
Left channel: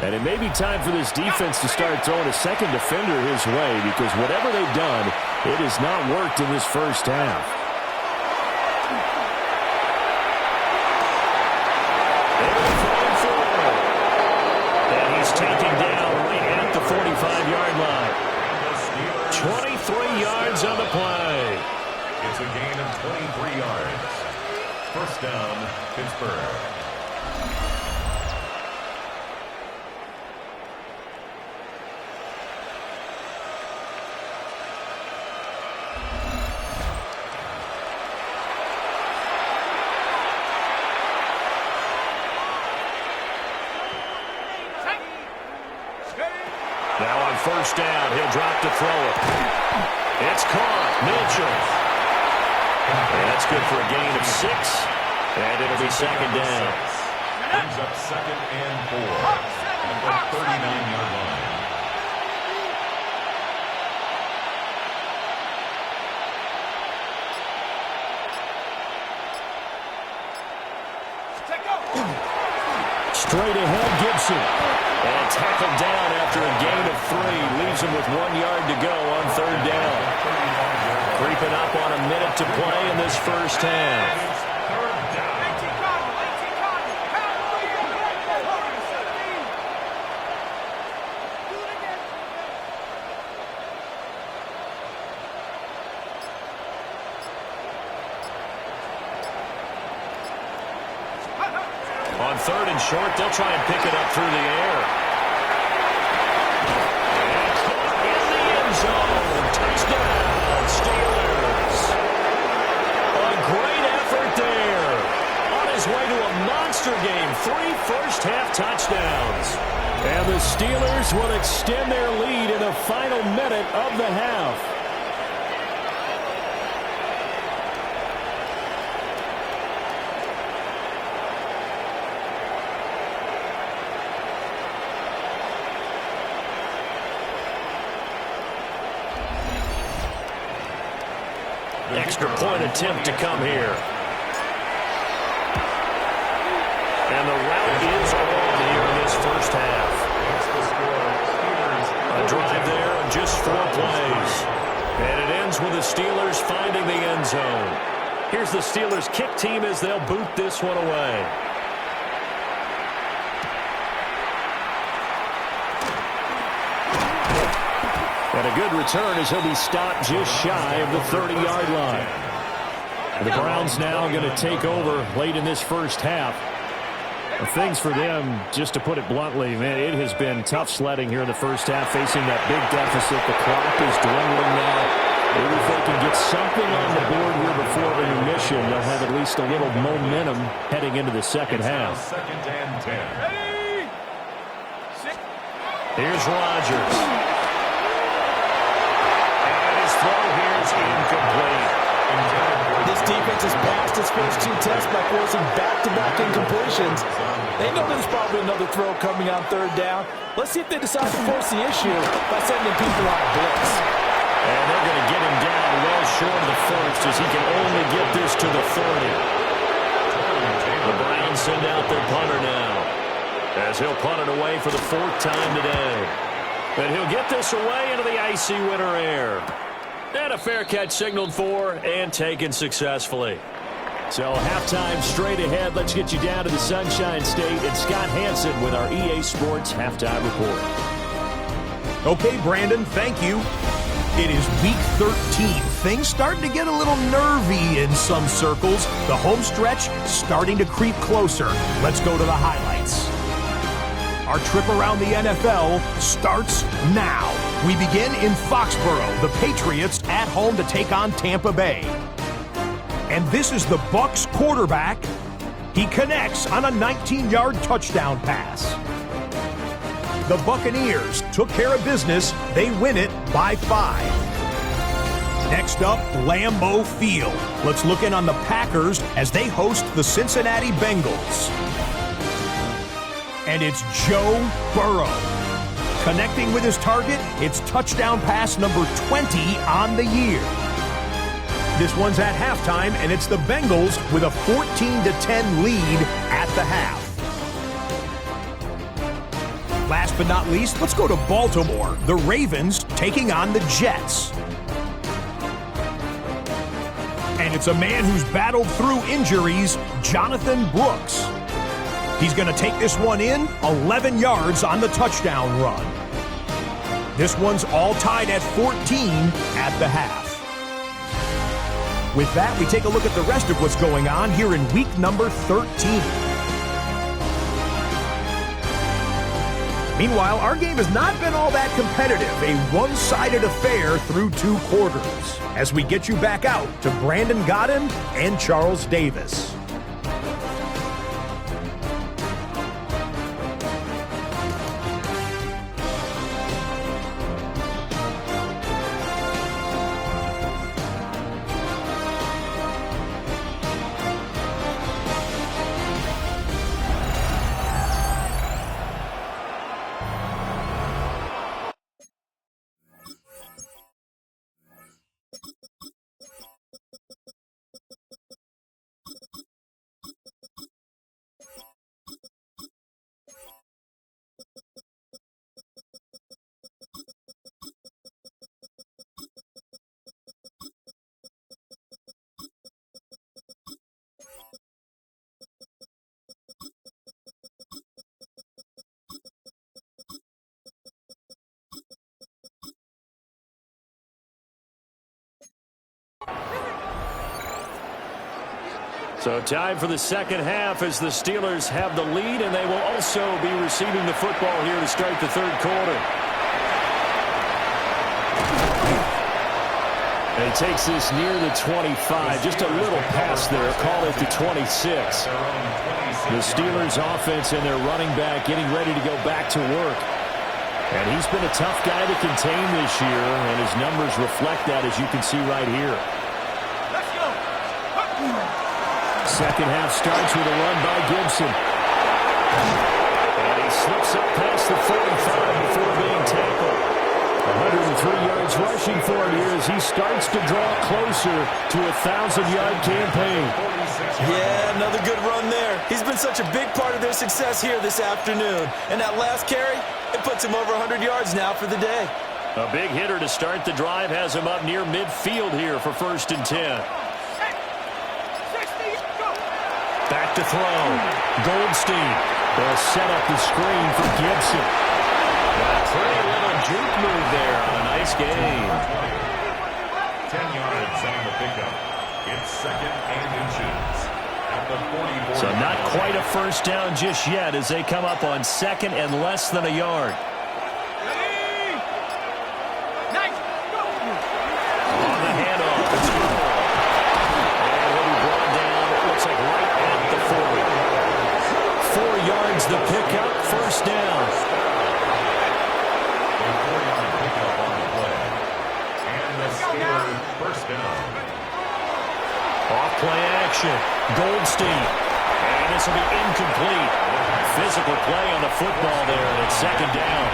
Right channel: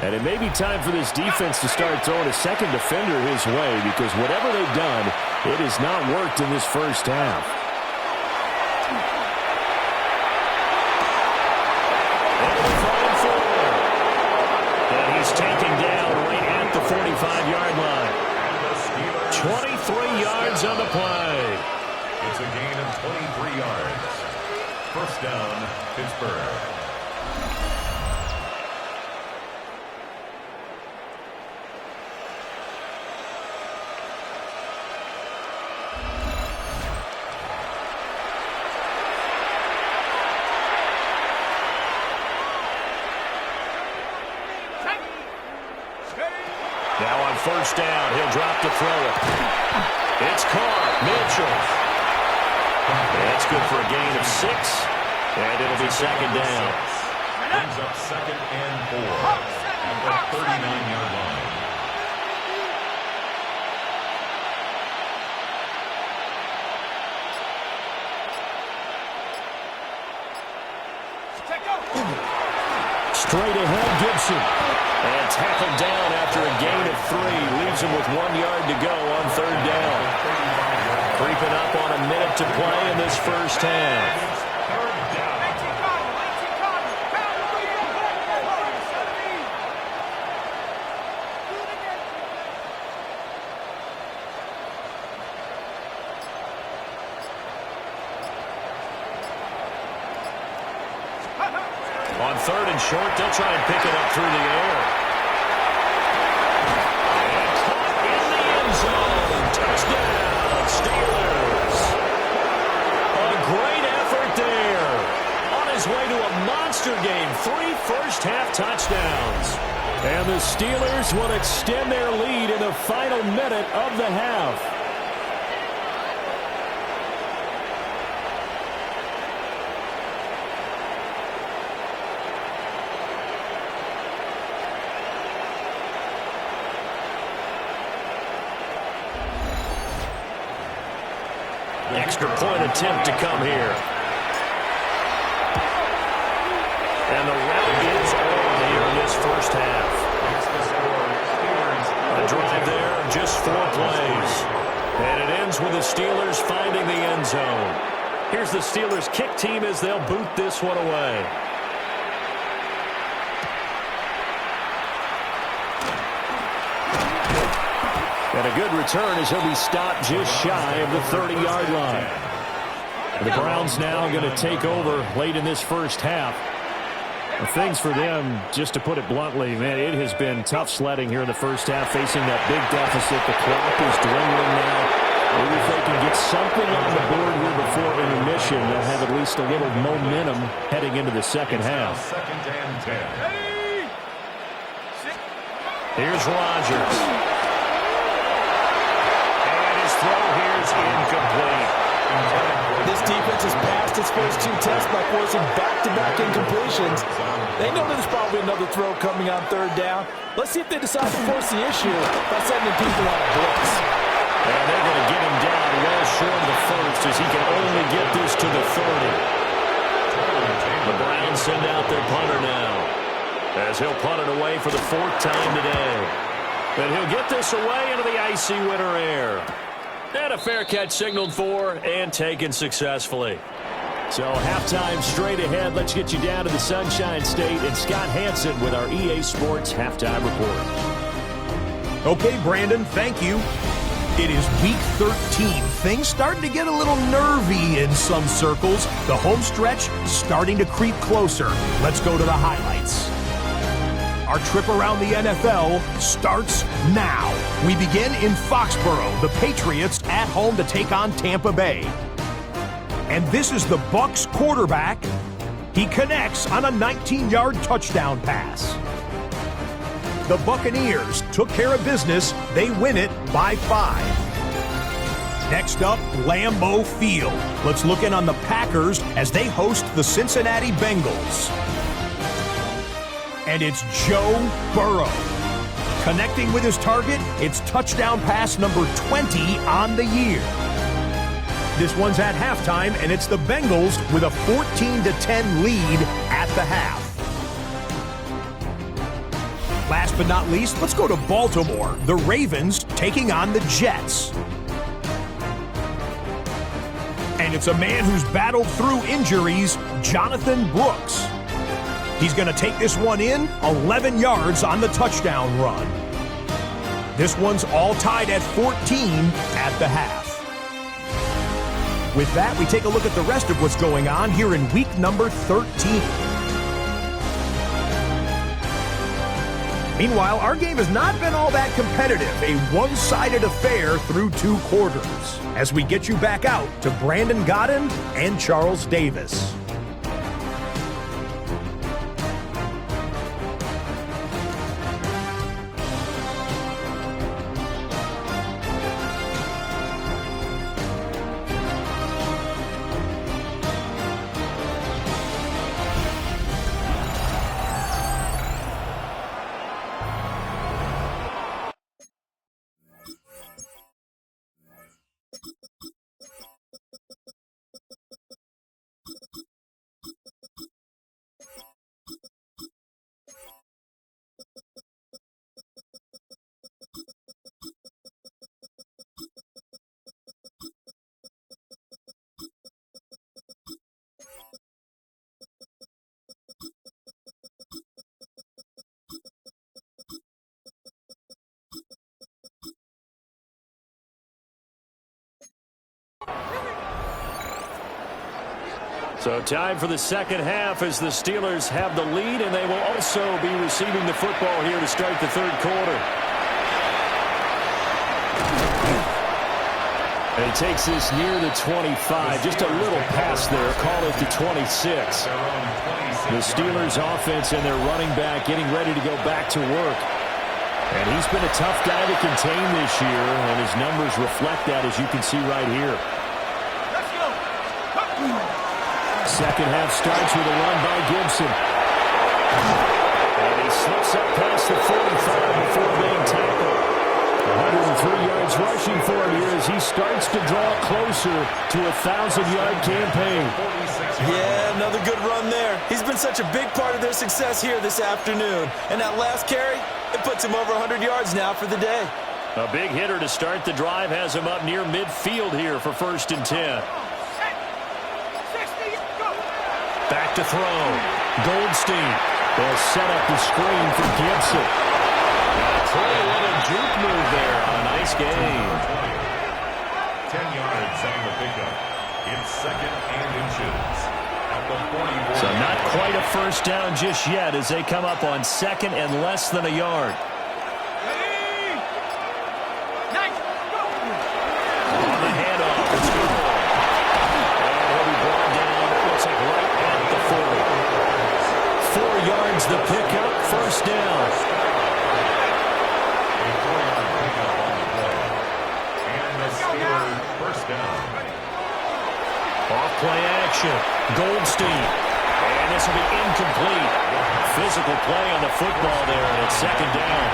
And it may be time for this defense to start throwing a second defender his way, because whatever they've done, it has not worked in this first half. And he's taken down right at the 45-yard line. 23 yards on the play. It's a gain of 23 yards. First down, Pittsburgh. Now on first down, he'll drop to throw it. It's caught. Mitchell. And that's good for a gain of 6. And it'll be 2nd down. Brings up 2nd and 4 at the 39-yard line. Straight ahead, Gibson. And tackled down after a gain of 3. Leaves him with 1 yard to go on 3rd down. Creeping up on a minute to play in this first half. On 3rd and short, they'll try and pick it up through the air. And caught in the end zone. Touchdown, Steelers. A great effort there. On his way to a monster game. 3 first-half touchdowns. And the Steelers will extend their lead in the final minute of the half. Extra point attempt to come here. And the route is on here in this first half. A drive there of just 4 plays. And it ends with the Steelers finding the end zone. Here's the Steelers kick team as they'll boot this one away. And a good return as he'll be stopped just shy of the 30-yard line. The Browns now going to take over late in this first half. Things for them, just to put it bluntly, man, it has been tough sledding here in the first half, facing that big deficit. The clock is dwindling now. Maybe if they can get something on the board here before intermission, they'll have at least a little momentum heading into the second half. Second and 10. Ready? Here's Rodgers. And his throw here is incomplete. This defense has passed its first two tests by forcing back-to-back incompletions. They know there's probably another throw coming on third down. Let's see if they decide to force the issue by sending people on a blitz. And they're going to get him down well short of the first as he can only get this to the 30. The Browns send out their punter now as he'll punt it away for the fourth time today. And he'll get this away into the icy winter air. And a fair catch signaled for and taken successfully. So halftime straight ahead. Let's get you down to the Sunshine State and Scott Hansen with our EA Sports Halftime Report. Okay, Brandon, thank you. It is week 13. Things starting to get a little nervy in some circles. The home stretch starting to creep closer. Let's go to the highlights. Our trip around the NFL starts now. We begin in Foxborough. The Patriots at home to take on Tampa Bay. And this is the Bucs quarterback. He connects on a 19-yard touchdown pass. The Buccaneers took care of business. They win it by 5. Next up, Lambeau Field. Let's look in on the Packers as they host the Cincinnati Bengals. And it's Joe Burrow. Connecting with his target, it's touchdown pass number 20 on the year. This one's at halftime, and it's the Bengals with a 14-10 lead at the half. Last but not least, let's go to Baltimore. The Ravens taking on the Jets. And it's a man who's battled through injuries, Jonathan Brooks. He's going to take this one in, 11 yards on the touchdown run. This one's all tied at 14 at the half. With that, we take a look at the rest of what's going on here in week number 13. Meanwhile, our game has not been all that competitive, a one-sided affair through 2 quarters. As we get you back out to Brandon Godden and Charles Davis. So time for the second half as the Steelers have the lead, and they will also be receiving the football here to start the third quarter. And he takes this near the 25. Just a little pass there. Call it the 26. The Steelers offense and their running back getting ready to go back to work. And he's been a tough guy to contain this year, and his numbers reflect that, as you can see right here. Let's go. Second half starts with a run by Gibson. And he slips up past the 45 before being tackled. 103 yards rushing for him here as he starts to draw closer to a 1,000-yard campaign. Yeah, another good run there. He's been such a big part of their success here this afternoon. And that last carry, it puts him over 100 yards now for the day. A big hitter to start the drive has him up near midfield here for 1st and 10. Back to throw. Goldstein. They'll set up the screen for Gibson. Got a pretty little juke move there on a nice gain. 10 yards on the pickup. It's 2nd and inches. At the 44. So not quite a first down just yet as they come up on 2nd and less than a yard. Ready? Nice. Go. On the handoff, it's Off-play action. Goldstein. And this will be incomplete. Physical play on the football there, and it's second down.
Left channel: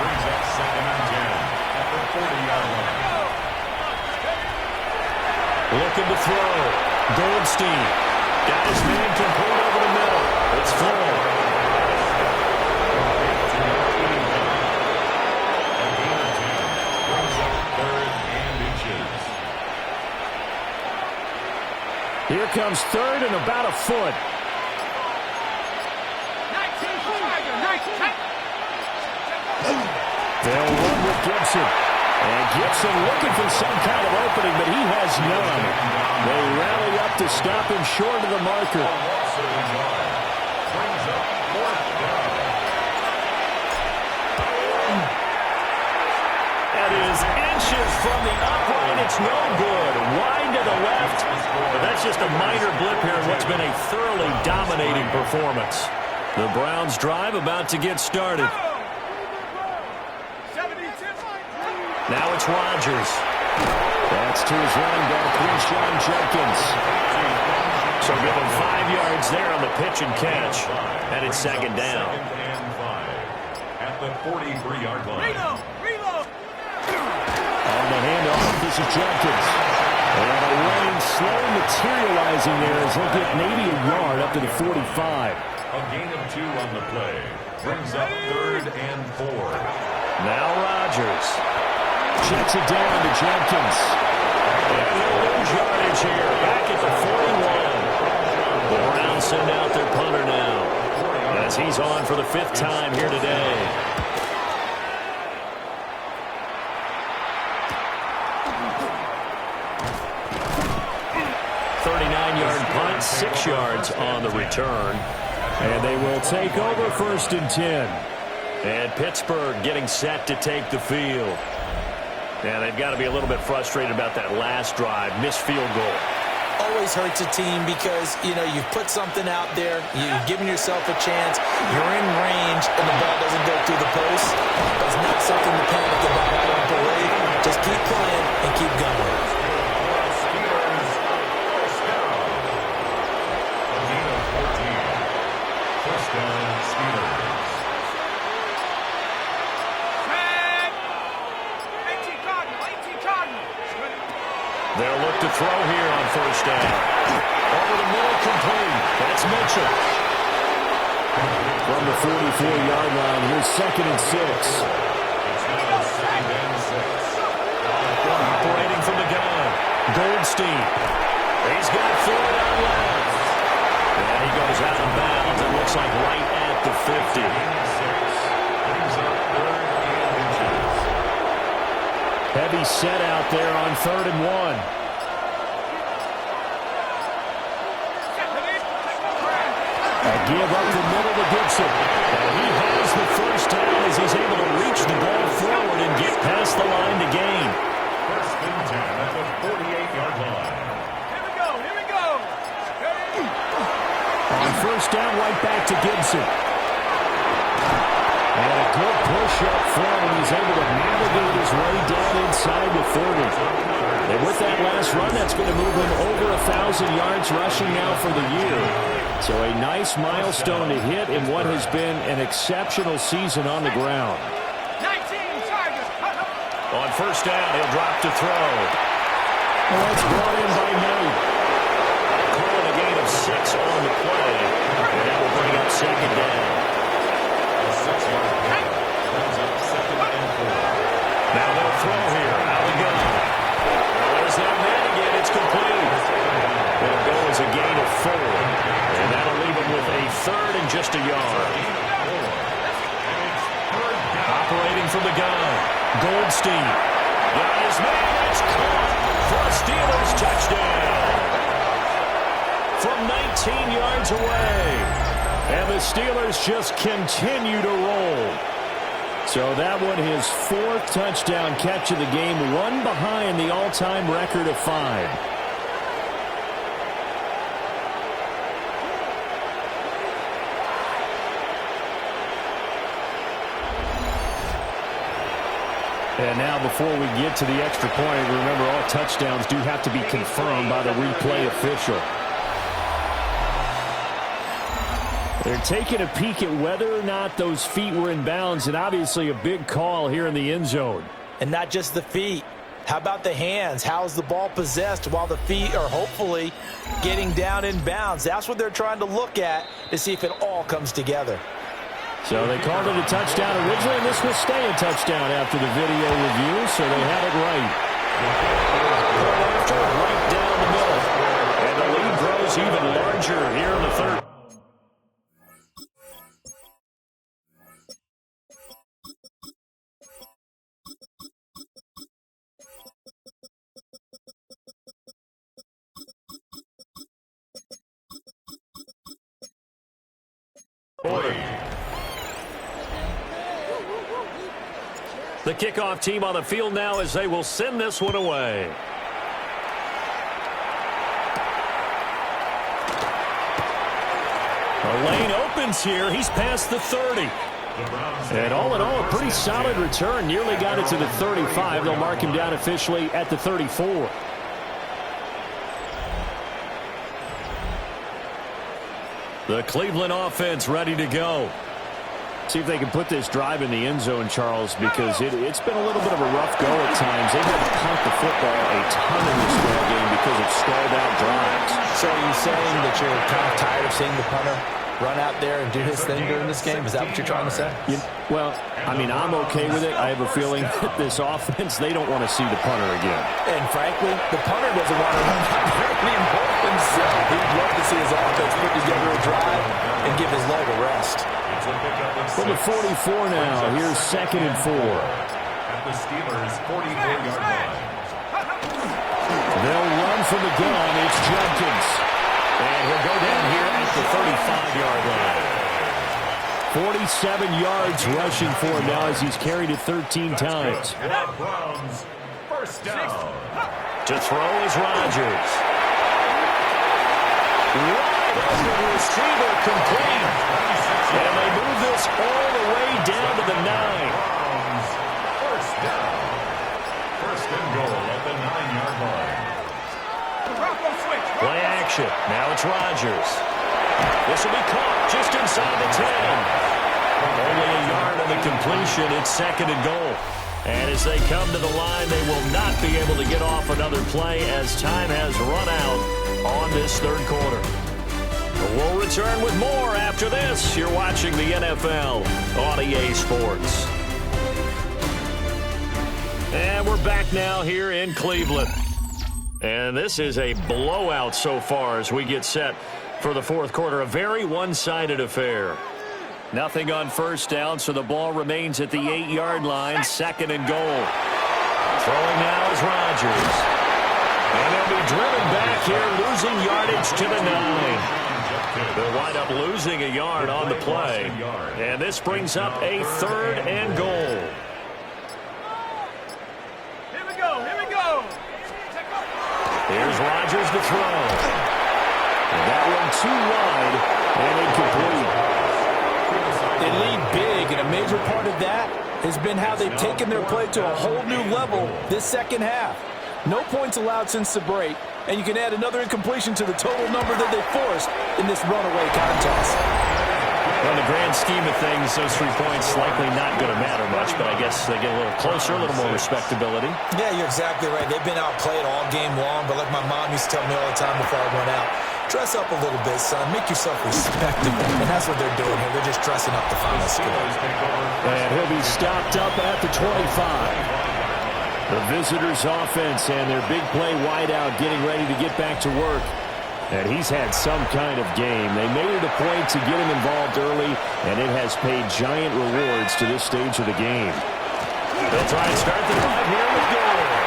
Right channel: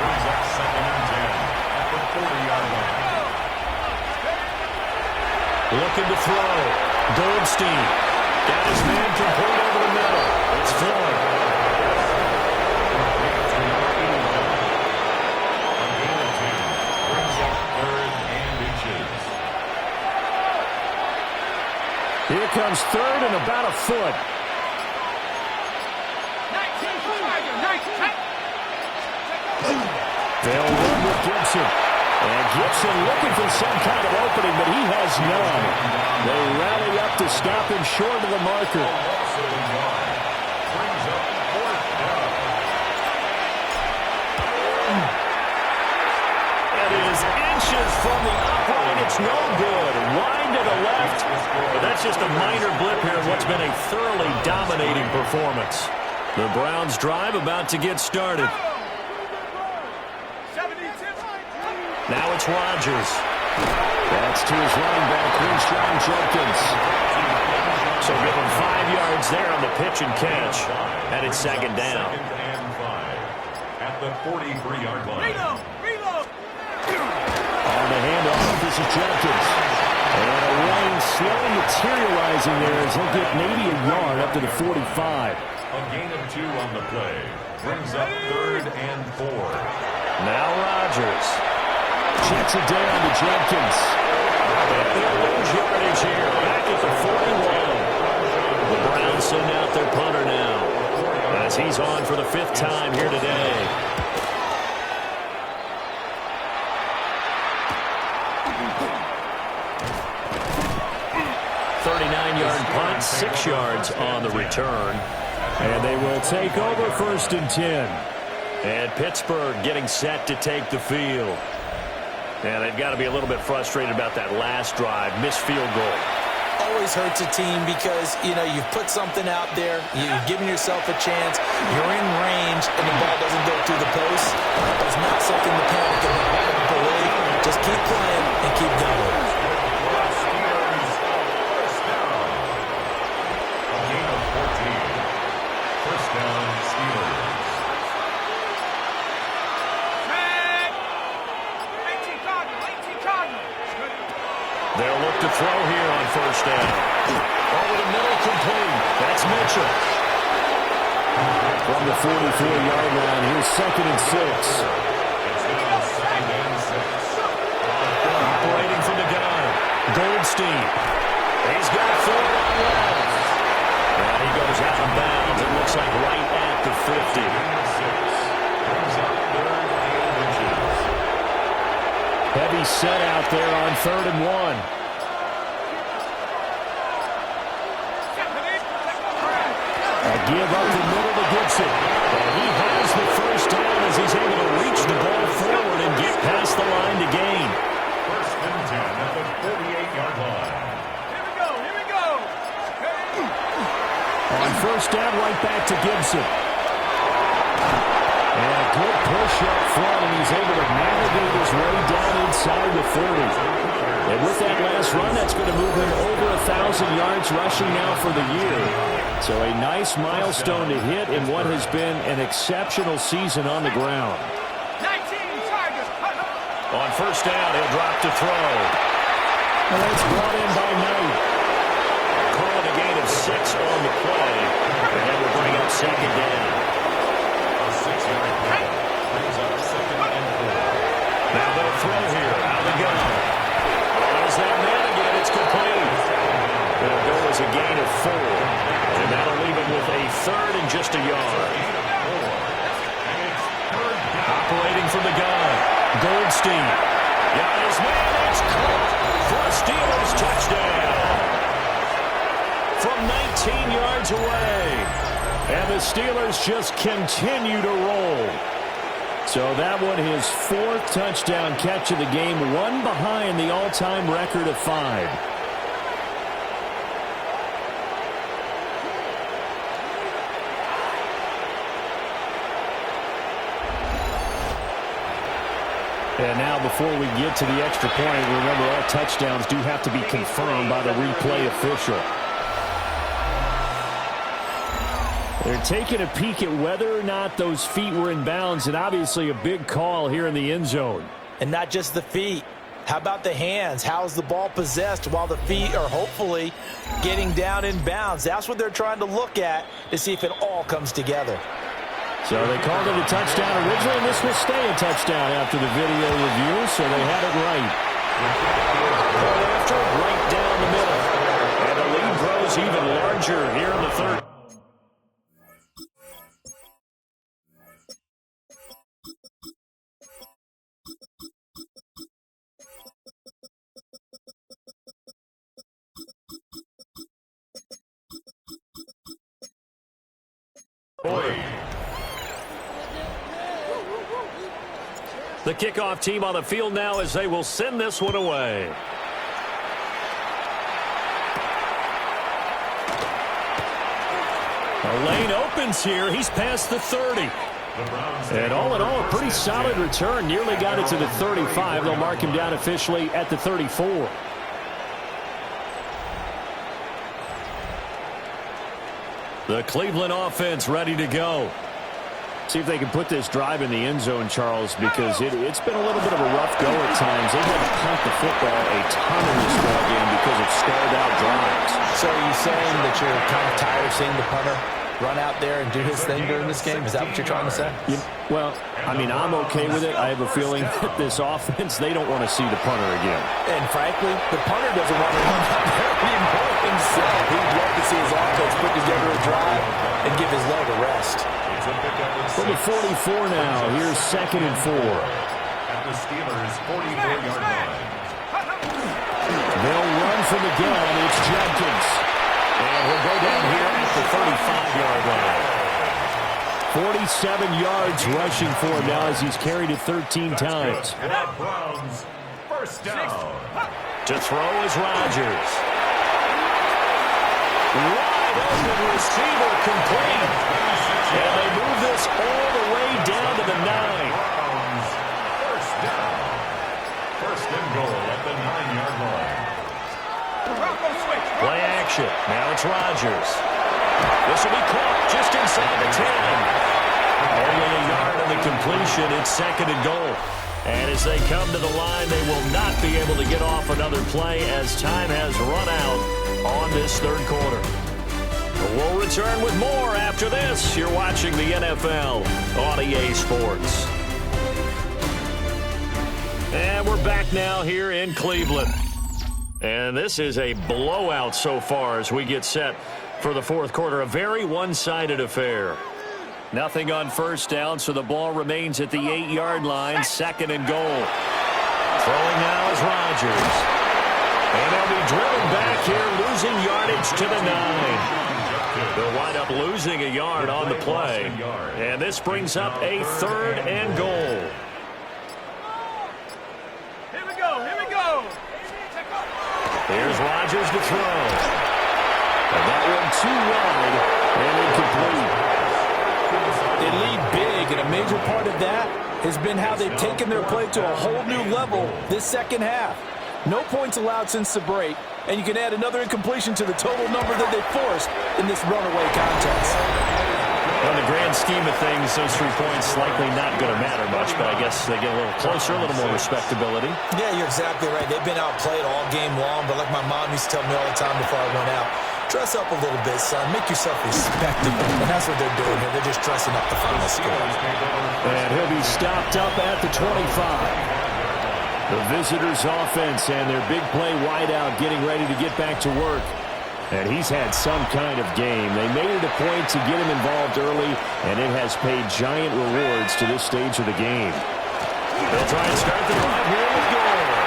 Brings up 2nd and 10 at the 40-yard line. Looking to throw. Goldstein. Got his man complete over the middle. It's full. A gain of 10 brings up 3rd and inches. Here comes 3rd and about a foot. 19, Tiger, 19. They'll run with Gibson. And Gibson looking for some kind of opening, but he has none. They rally up to stop him short of the marker. Loss of a yard. Brings up 4th down. That is inches from the upright. It's no good. Wide to the left. But that's just a minor blip here in what's been a thoroughly dominating performance. The Browns' drive about to get started. 72. Now it's Rodgers. That's to his running back, Quinshon Judkins. So give him 5 yards there on the pitch and catch. And it's second down. 2nd and 5 at the 43-yard line. Reload. On the handoff, this is Judkins. And a lane slowly materializing there as he'll get maybe a yard up to the 45. A gain of 2 on the play. Brings up 3rd and 4. Now Rodgers. Checks it down to Judkins. And he'll lose yardage here. Back at the 41. The Browns send out their punter now, as he's on for the 5th time here today. .39-yard punt, 6 yards on the return. And they will take over 1st and 10. And Pittsburgh getting set to take the field. And they've got to be a little bit frustrated about that last drive, missed field goal. Always hurts a team because, you've put something out there, you've given yourself a chance, you're in range, and the ball doesn't go through the post. But it's not something to panic about. I don't believe. Just keep playing and keep going. Steelers, 1st down. A gain of 14. 1st down, Steelers. 18 Cardinal. They'll look to throw here on 1st down. Over the middle, complete. That's Mitchell. From the 44-yard line, here's 2nd and 6. It's now 2nd and 6. Operating from the gun. Goldstein. He's got Ford on left. And he goes out of bounds. It looks like right at the 50. Gain of 6. Brings up 3rd and inches. Heavy set out there on 3rd and 1. A give up the middle to Gibson. And he has the 1st down as he's able to reach the ball forward and get past the line to gain. 1st and 10 at the 48-yard line. Here we go. On 1st down, right back to Gibson. And a good push up front, and he's able to navigate his way down inside the 30. And with that last run, that's going to move him over 1,000 yards rushing now for the year. So a nice milestone to hit in what has been an exceptional season on the ground. 19 Tigers. On 1st down, he'll drop to throw. And that's brought in by Knight. Calling a gain of 6 on the play. And that will bring up 2nd down. A 6-yard pickup brings up 2nd and 4. Now they'll throw here out of the gun. Well, there's that man again. It's complete. It'll go as a gain of 4. And that'll leave him with a 3rd and just a yard. Operating from the gun. Goldstein. Got his man. It's caught for a Steelers touchdown. From 19 yards away. And the Steelers just continue to roll. So that one, his 4th touchdown catch of the game, one behind the all-time record of 5. And now before we get to the extra point, remember all touchdowns do have to be confirmed by the replay official. They're taking a peek at whether or not those feet were in bounds, and obviously a big call here in the end zone. And not just the feet. How about the hands? How's the ball possessed while the feet are hopefully getting down in bounds? That's what they're trying to look at to see if it all comes together. So they called it a touchdown originally, and this will stay a touchdown after the video review, so they had it right. Point after, right down the middle. And the lead grows even larger here in the third. The kickoff team on the field now as they will send this one away. The lane opens here. He's past the 30. And all in all, a pretty solid return. Nearly got it to the 35. They'll mark him down officially at the 34. The Cleveland offense ready to go. See if they can put this drive in the end zone, Charles, because it's been a little bit of a rough go at times. They've had to punt the football a ton in this ball game because of stalled-out drives. So are you saying that you're kind of tired of seeing the punter run out there and do his thing during this game? Is that what you're trying to say? Well, I mean, I'm okay with it. I have a feeling that this offense, they don't want to see the punter again. And frankly, the punter doesn't want to run out there anymore himself. He'd love to see his offense put together a drive and give his leg a rest. From the 44 now, here's 2nd and 4. At the Steelers' 44-yard line. They'll run from the gun. It's Judkins. And he'll go down here at the 35-yard line. 47 yards rushing for him now as he's carried it 13 times. Browns, first down. To throw is Rodgers. Wide open receiver complete. And they move this all the way down to the 9. Browns, first down. First and goal at the 9-yard line. Play action. Now it's Rodgers. This will be caught just inside the 10. Only a yard on the completion. It's 2nd and goal. And as they come to the line, they will not be able to get off another play as time has run out on this third quarter. We'll return with more after this. You're watching the NFL on EA Sports. And we're back now here in Cleveland. And this is a blowout so far as we get set for the fourth quarter. A very one-sided affair. Nothing on first down, so the ball remains at the 8-yard line. 2nd and goal. Throwing now is Rodgers. And they'll be driven back here, losing yardage to the 9. They'll wind up losing a yard on the play. And this brings up a 3rd and goal. Here we go, here we go. Here's Rodgers to throw. And that one too wide and incomplete. They lead big, and a major part of that has been how they've taken their play to a whole new level this second half. No points allowed since the break, and you can add another incompletion to the total number that they forced in this runaway contest. Well, in the grand scheme of things, those 3 points likely not going to matter much, but I guess they get a little closer, a little more respectability. Yeah, you're exactly right. They've been outplayed all game long, but like my mom used to tell me all the time before I went out, dress up a little bit, son. Make yourself respectable. And that's what they're doing here. They're just dressing up the final score. And he'll be stopped up at the 25. The visitors' offense and their big play wideout getting ready to get back to work. And he's had some kind of game. They made it a point to get him involved early, and it has paid giant rewards to this stage of the game. They'll try and start the drive here with Gore.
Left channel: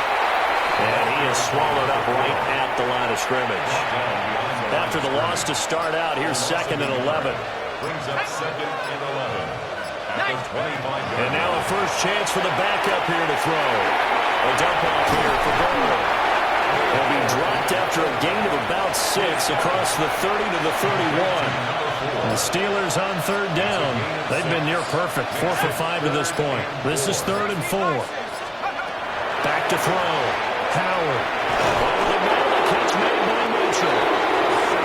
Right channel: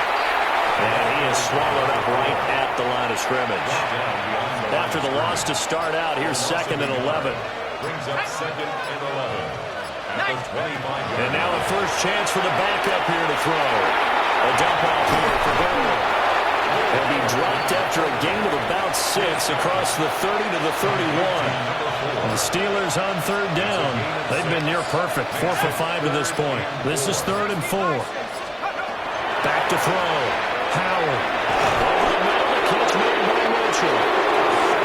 And he is swallowed up right at the line of scrimmage. After the loss to start out, here's 2nd and 11. Brings up 2nd and 11. At the 25-yard And now a first chance for the backup here to throw. A dump off here for Gore. He'll be dropped after a gain of about 6 across the 30 to the 31. The Steelers on 3rd down. They've been near perfect, 4 for 5 to this point. This is 3rd and 4. to throw. Howard. Over the middle, the catch made by Mitchell.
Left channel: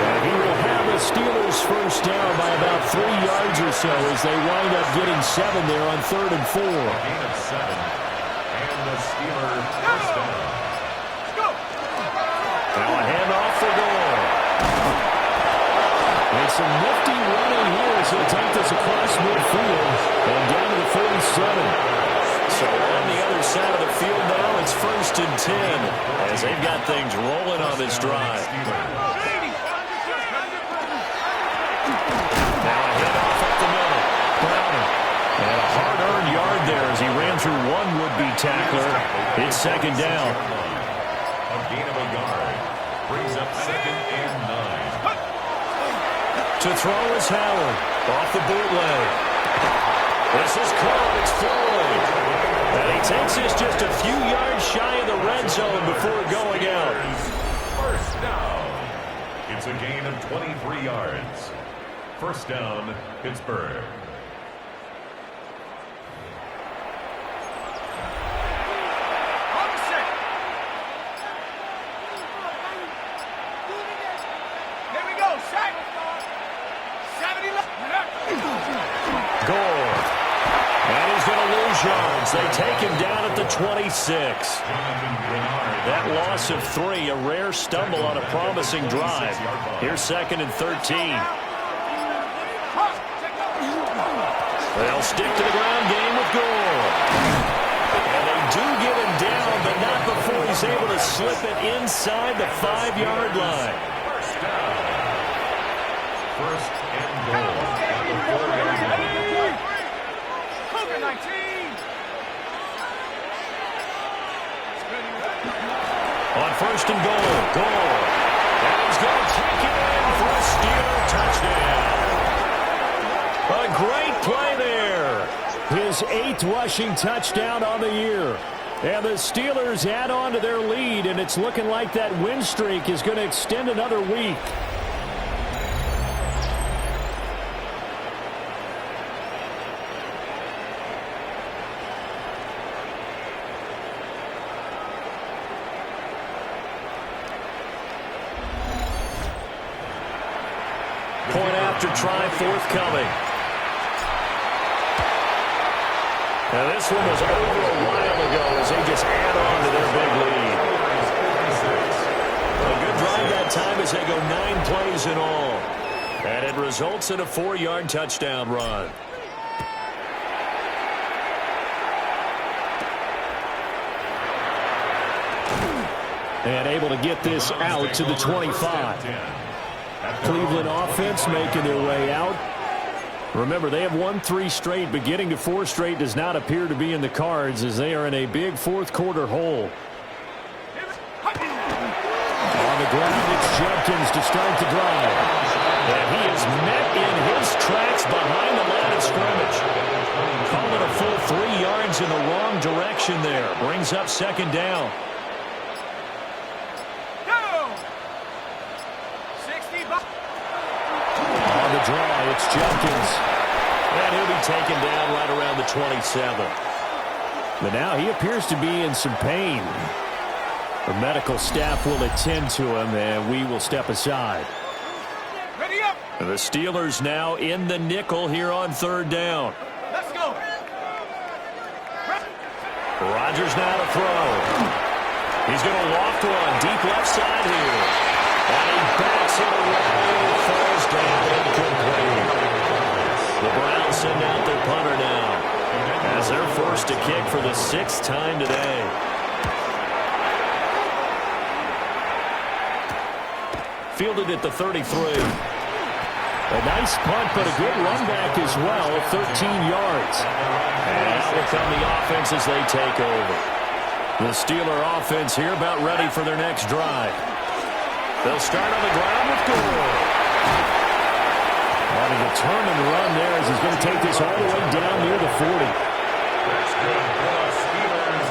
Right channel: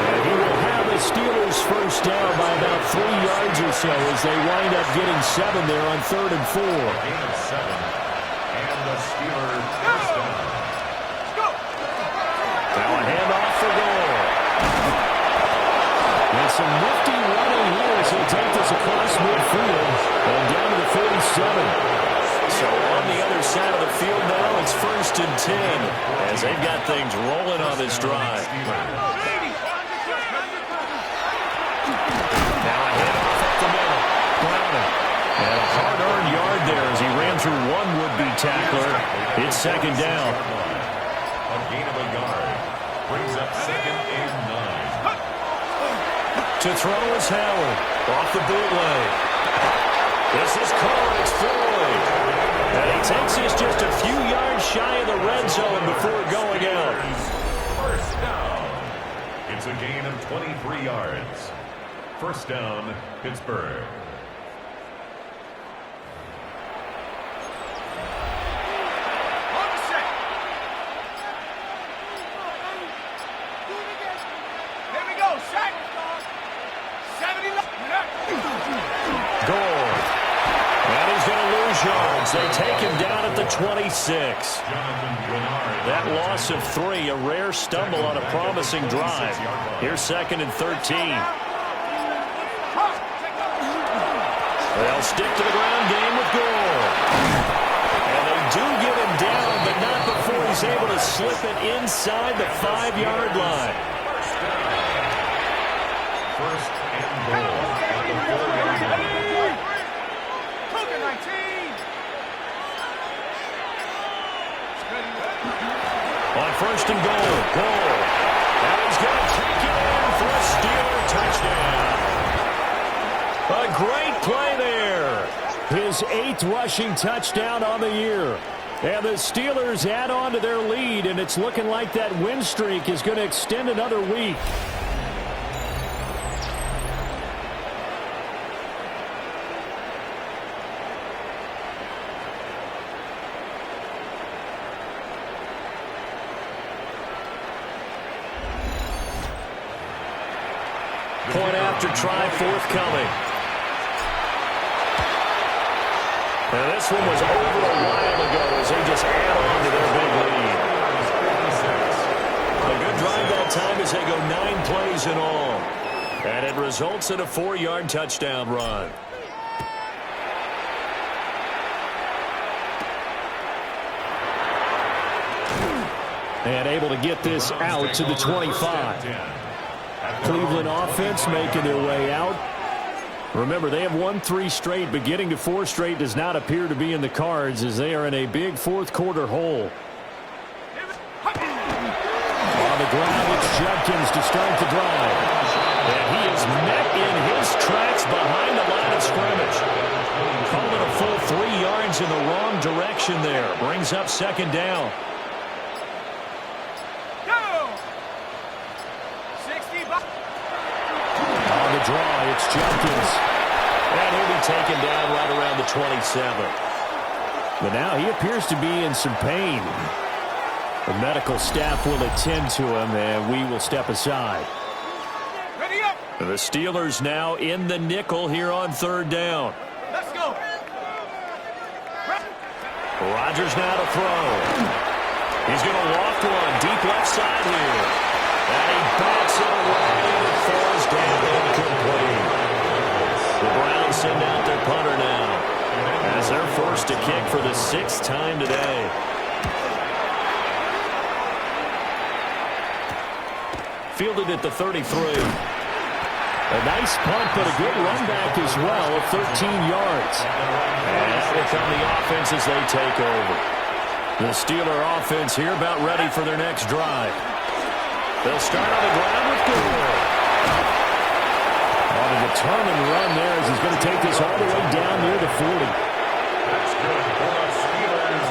And he will have the Steelers first down by about 3 yards or so as they wind up getting 7 there on 3rd and 4. Gain of 7. And the Steelers first down. Now a handoff for Gore. And some nifty running here as he'll take this across midfield and down to the 47. So on the other side of the field now, it's 1st and 10 as they've got things rolling on this drive. Now a handoff up the middle. Browning. And a hard-earned yard there as he ran through one would-be tackler. It's 2nd down. A gain of a yard. Brings up 2nd and 9. To throw is Howard. Off the bootleg. This is caught. It's Floyd. And he takes this just a few yards shy of the red zone before going out. First down. It's a gain of 23 yards. First down, Pittsburgh. On the set. Here we go. Sack. 70 left. Gore. And he's going to lose yards. They take him down at the 26. That loss of 3, a rare stumble on a promising drive. Here's 2nd and 13. They'll stick to the ground game with Gore. And they do get him down, but not before he's able to slip it inside the 5-yard line. First down. First and goal at the 4-yard line. Cougar 19. On 1st and goal, Gore. And he's going to take it in for a Steeler touchdown. A great play there. His 8th rushing touchdown on the year. And the Steelers add on to their lead, and it's looking like that win streak is going to extend another week. Point after try forthcoming. Now this one was over a while ago as they just add on to their big lead. A good drive that time as they go 9 plays in all. And it results in a 4-yard touchdown run. And able to get this out to the 25. Cleveland offense making their way out. Remember, they have won 3 straight, but getting to 4 straight does not appear to be in the cards as they are in a big 4th quarter hole. On the ground, it's Judkins to start the drive. And he is met in his tracks behind the line of scrimmage. Called it a full 3 yards in the wrong direction there. Brings up 2nd down. On the draw, it's Judkins. And he'll be taken down right around the 27. But now he appears to be in some pain. The medical staff will attend to him, and we will step aside. Ready up. The Steelers now in the nickel here on 3rd down. Let's go. Rodgers now to throw. He's going to loft one deep left side here. And he bats it away, and it falls down incomplete. The Browns send out their punter now as they're forced to kick for the 6th time today. Fielded at the 33. A nice punt, but a good run back as well of 13 yards. And out will come the offense as they take over. The Steeler offense here about ready for their next drive. They'll start on the ground with Gore. On a determined run there as he's going to take this all the way down near the 40. That's good for a Steelers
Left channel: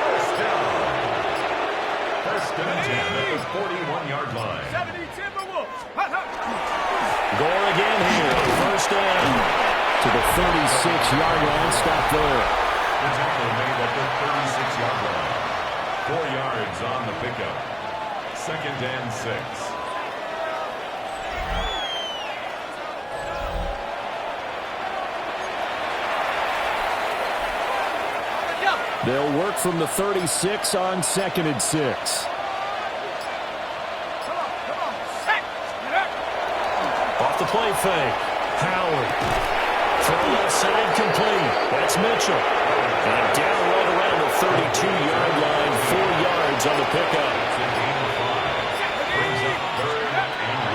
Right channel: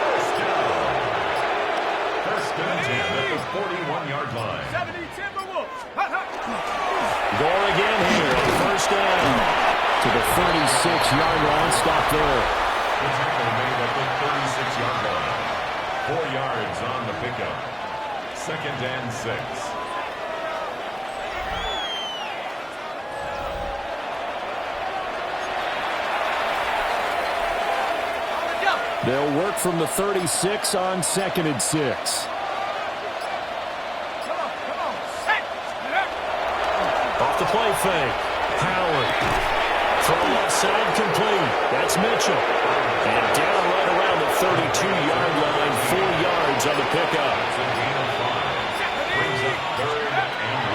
first down. First and 10 at the 41-yard line. 70 Timberwolves. Gore again here on 1st down. To the 36-yard line. Stop there. The tackle made at the 36-yard line. 4 yards on the pickup. 2nd and 6. They'll work from the 36 on 2nd and 6. Come on, set, get up. Off the play fake. Howard. Throw left side complete. That's Mitchell. And down right around the 32-yard line. 4 yards on the pickup.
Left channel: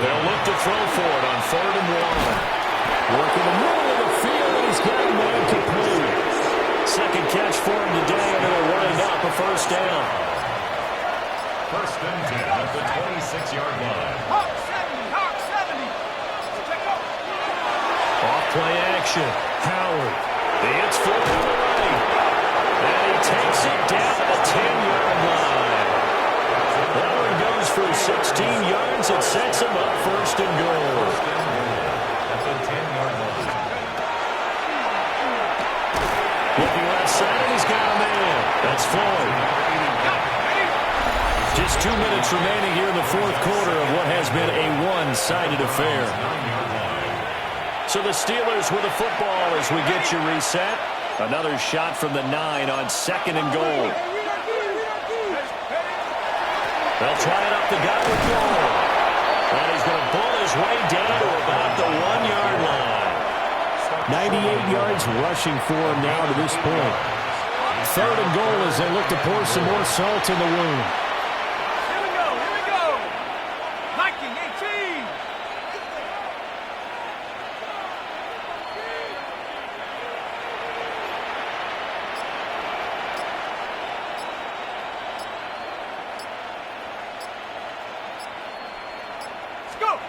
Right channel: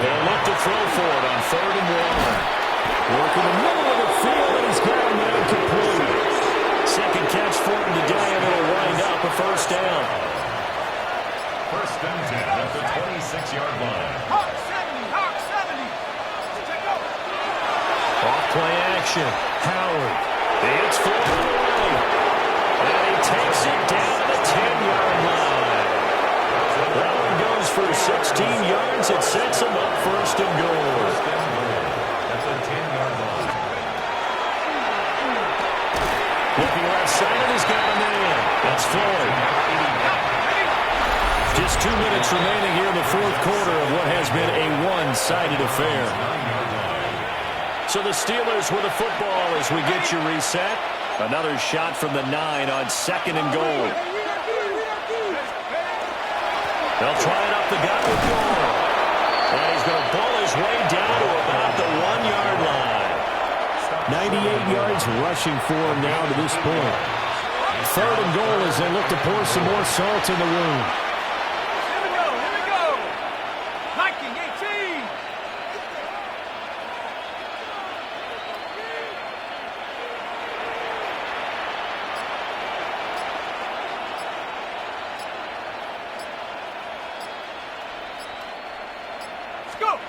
They'll look to throw for it on 3rd and 1. Work in the middle of the field, and he's got a man complete. Second catch for him today, and it'll wind up a 1st down. 1st and 10 at the 26-yard line. Hawk 70. Check out. Off play action. Howard. It's Floyd on the right. And he takes it down to the 10-yard line. That one goes for 16 yards. It sets him up 1st and goal. 1st and goal at the 10-yard line. Looking left side, and he's got a man. That's Floyd. Just 2 minutes remaining here in the 4th quarter of what has been a one-sided affair. So the Steelers with the football as we get you reset. Another shot from the 9 on 2nd and goal. They'll try it up the gut with Gore. And he's going to pull his way down to about the 1-yard line. 98 yards rushing for him now to this point. 3rd and goal as they look to pour some more salt in the wound. Here we go. Viking 18. Let's go.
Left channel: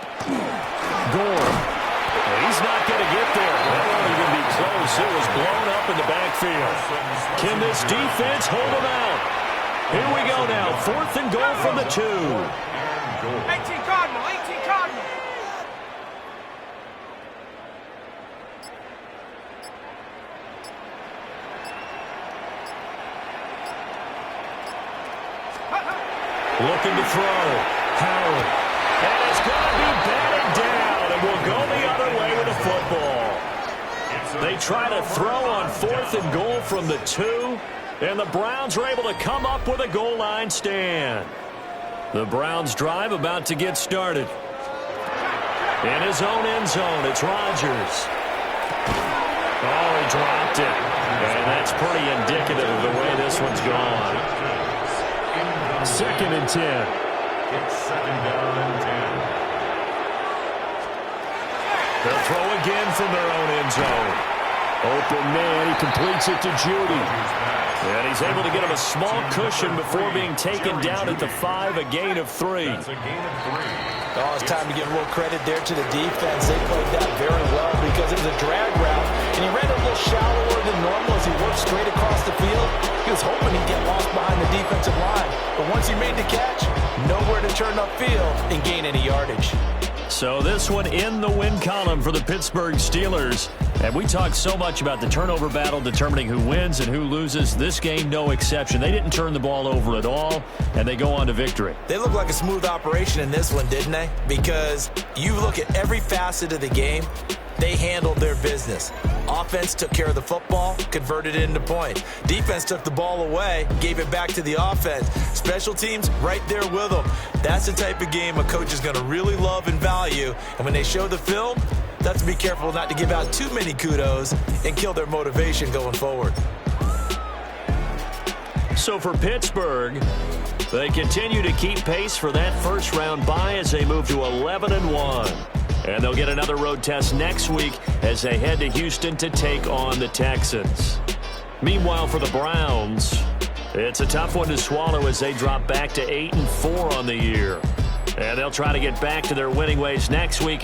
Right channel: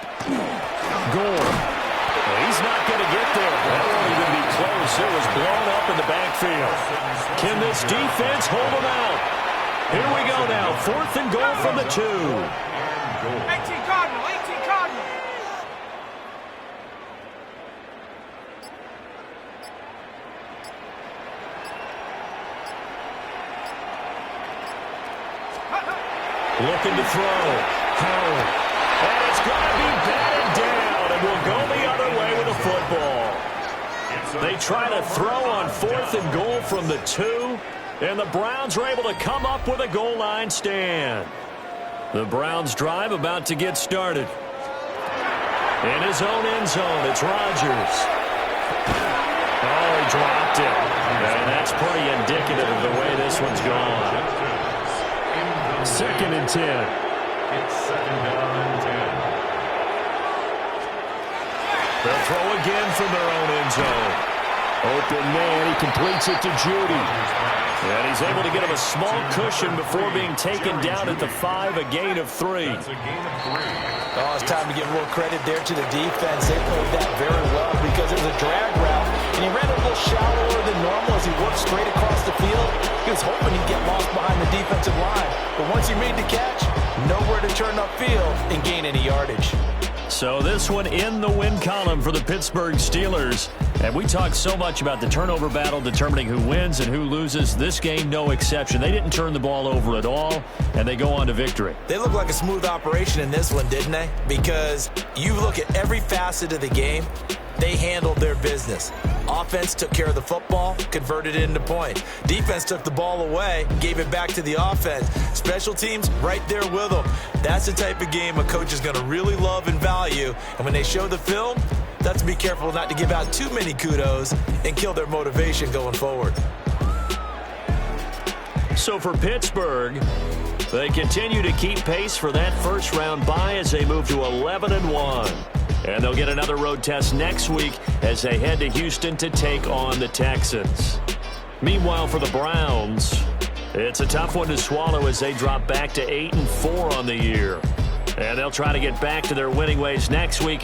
Gore. He's not going to get there. That won't even be close. It was blown up in the backfield. Can this defense hold him out? Here we go now. 4th and goal from the 2. 18 Cardinal. Looking to throw. Howard. And it's going to be batted down, and will go the other way with the football. They try to throw on 4th and goal from the 2, and the Browns are able to come up with a goal line stand. The Browns drive about to get started. In his own end zone, it's Rodgers. Oh, he dropped it. And that's pretty indicative of the way this one's gone. 2nd and 10. It's 2nd down and 10. They'll throw again from their own end zone. Open man, he completes it to Judy. And he's able to get him a small cushion before being taken down at the 5, a gain of 3. That's a gain of 3. Oh, it's time to give a little credit there to the defense. They played that very well because it was a drag route, and he ran a little shallower than normal as he worked straight across the field. He was hoping he'd get lost behind the defensive line. But once he made the catch, nowhere to turn upfield and gain any yardage. So this one in the win column for the Pittsburgh Steelers. And we talk so much about the turnover battle determining who wins and who loses. This game, no exception. They didn't turn the ball over at all, and they go on to victory. They look like a smooth operation in this one, didn't they? Because you look at every facet of the game, they handled their business. Offense took care of the football, converted it into points. Defense took the ball away, gave it back to the offense. Special teams right there with them. That's the type of game a coach is going to really love and value. And when they show the film, that's to be careful not to give out too many kudos and kill their motivation going forward. So for Pittsburgh, they continue to keep pace for that first-round bye as they move to 11-1. And they'll get another road test next week as they head to Houston to take on the Texans. Meanwhile, for the Browns, it's a tough one to swallow as they drop back to 8-4 on the year. And they'll try to get back to their winning ways next week.